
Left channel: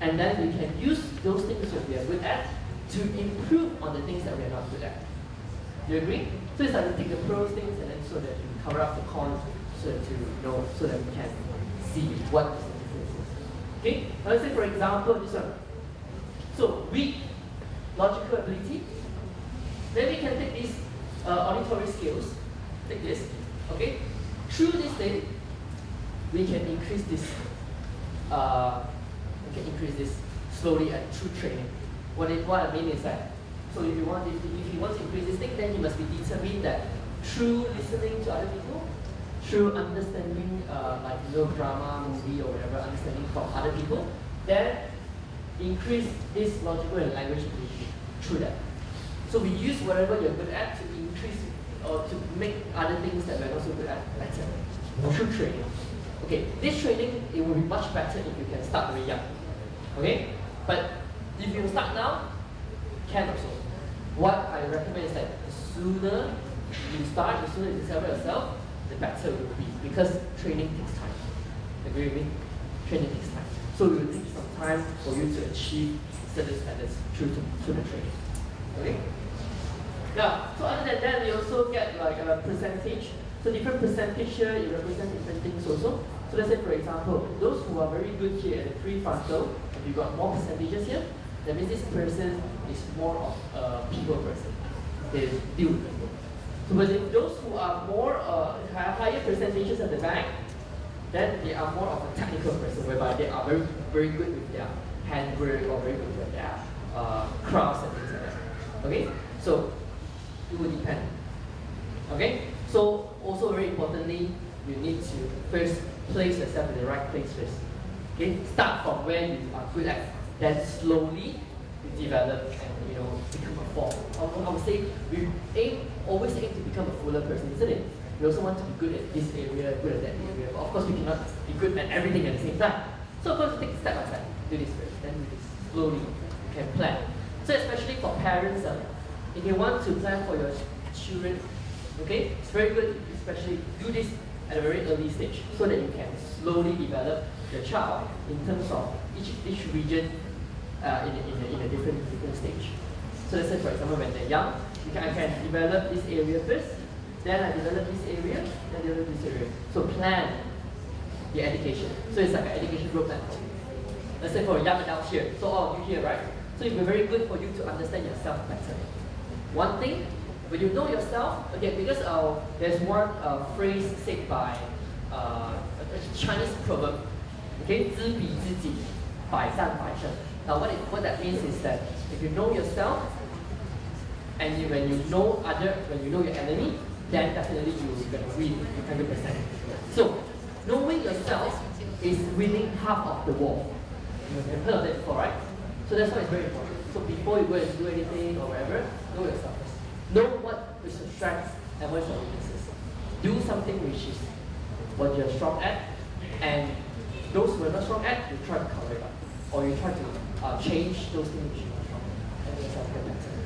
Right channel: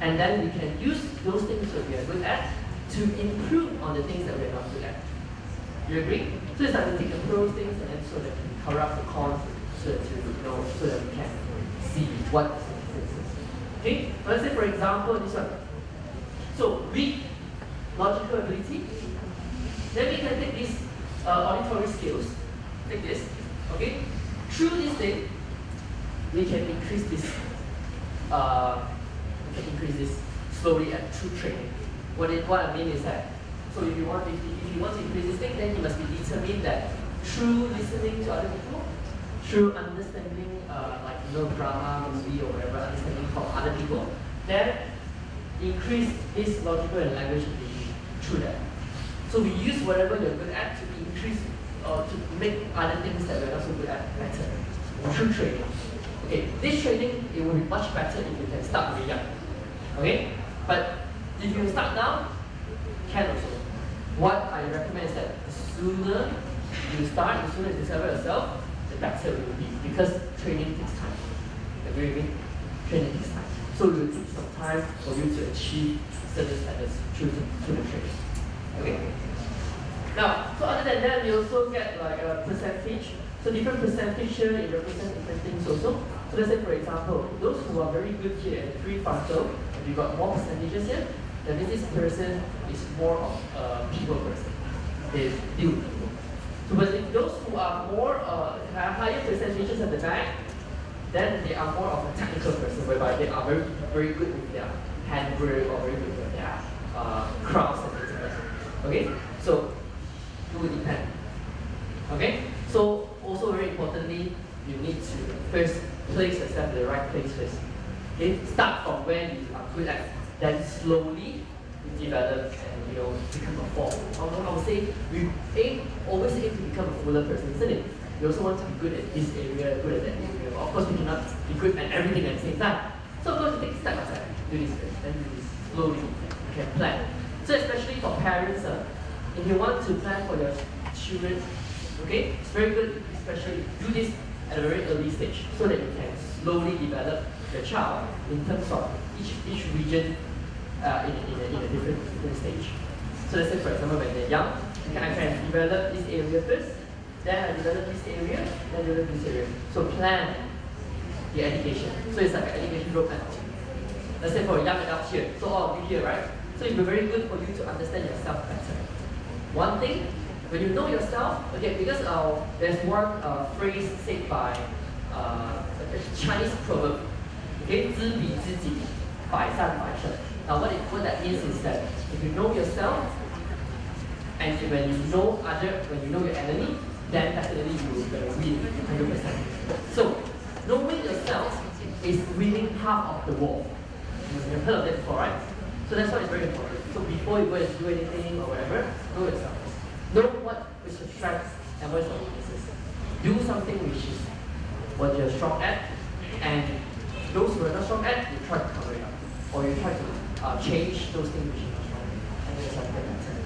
And then we can use those things that we are good at to improve on the things that we are not good at. You agree? So it's like we take the pros things and then so that we cover up the cons so that we can see what the difference is. Okay? Now let's say for example this one. So weak logical ability. Then we can take these auditory skills. Take this. Okay? Through this thing, we can increase this. Slowly and through training. What I mean is that, so if you want to increase this thing, then you must be determined that through listening to other people, through understanding drama, movie or whatever, understanding from other people, then increase this logical and language ability through that. So we use whatever you're good at to increase or to make other things that we're not so good at better through training. Okay, this training, it will be much better if you can start very young. Okay? But if you start now, can also. What I recommend is that the sooner you start, the sooner you discover yourself, the better it will be. Because training takes time. Agree with me? Training takes time. So it will take some time for you to achieve certain standards through the training. Okay? Now, so other than that, we also get like a percentage. So different percentage here, it represents different things also. So let's say for example, those who are very good here at prefrontal, we got more percentages here, that means this person is more of a people person. They deal with people. So but if those who are more, have higher percentages at the back, then they are more of a technical person, whereby they are very, very good with their handwork or very good with their crafts and things like that. Okay? So it will depend. Okay? So also very importantly, you need to first place yourself in the right place first. Okay? Start from where you are good at, then slowly develop and become a form. I would say we always aim to become a fuller person, isn't it? We also want to be good at this area, good at that area. But of course, we cannot be good at everything at the same time. So of course, we take step by step. Do this first, then do this slowly. You can plan. So especially for parents, if you want to plan for your children, okay, it's very good. Especially do this at a very early stage, so that you can slowly develop your child in terms of each region in a different stage. So let's say, for example, when they're young, I can develop this area first, then I develop this area, then develop this area. So plan your education. So it's like an education roadmap. Let's say for young adults here, so all of you here, right? So it will be very good for you to understand yourself better. One thing, when you know yourself, okay, because there's one phrase said by a Chinese proverb, okay, 知彼知己，百战百胜. Now what that means is that if you know yourself, and when you know your enemy, then definitely you're gonna win 100%. So knowing yourself is winning half of the war. You've heard of that before, right? So that's why it's very important. So before you go and do anything or whatever, know yourself. Know what is your strengths and what is your weaknesses. Do something which is what you're strong at, and those who are not strong at, you try to cover it up, or you try to change those things which you're not strong at, and then something like that.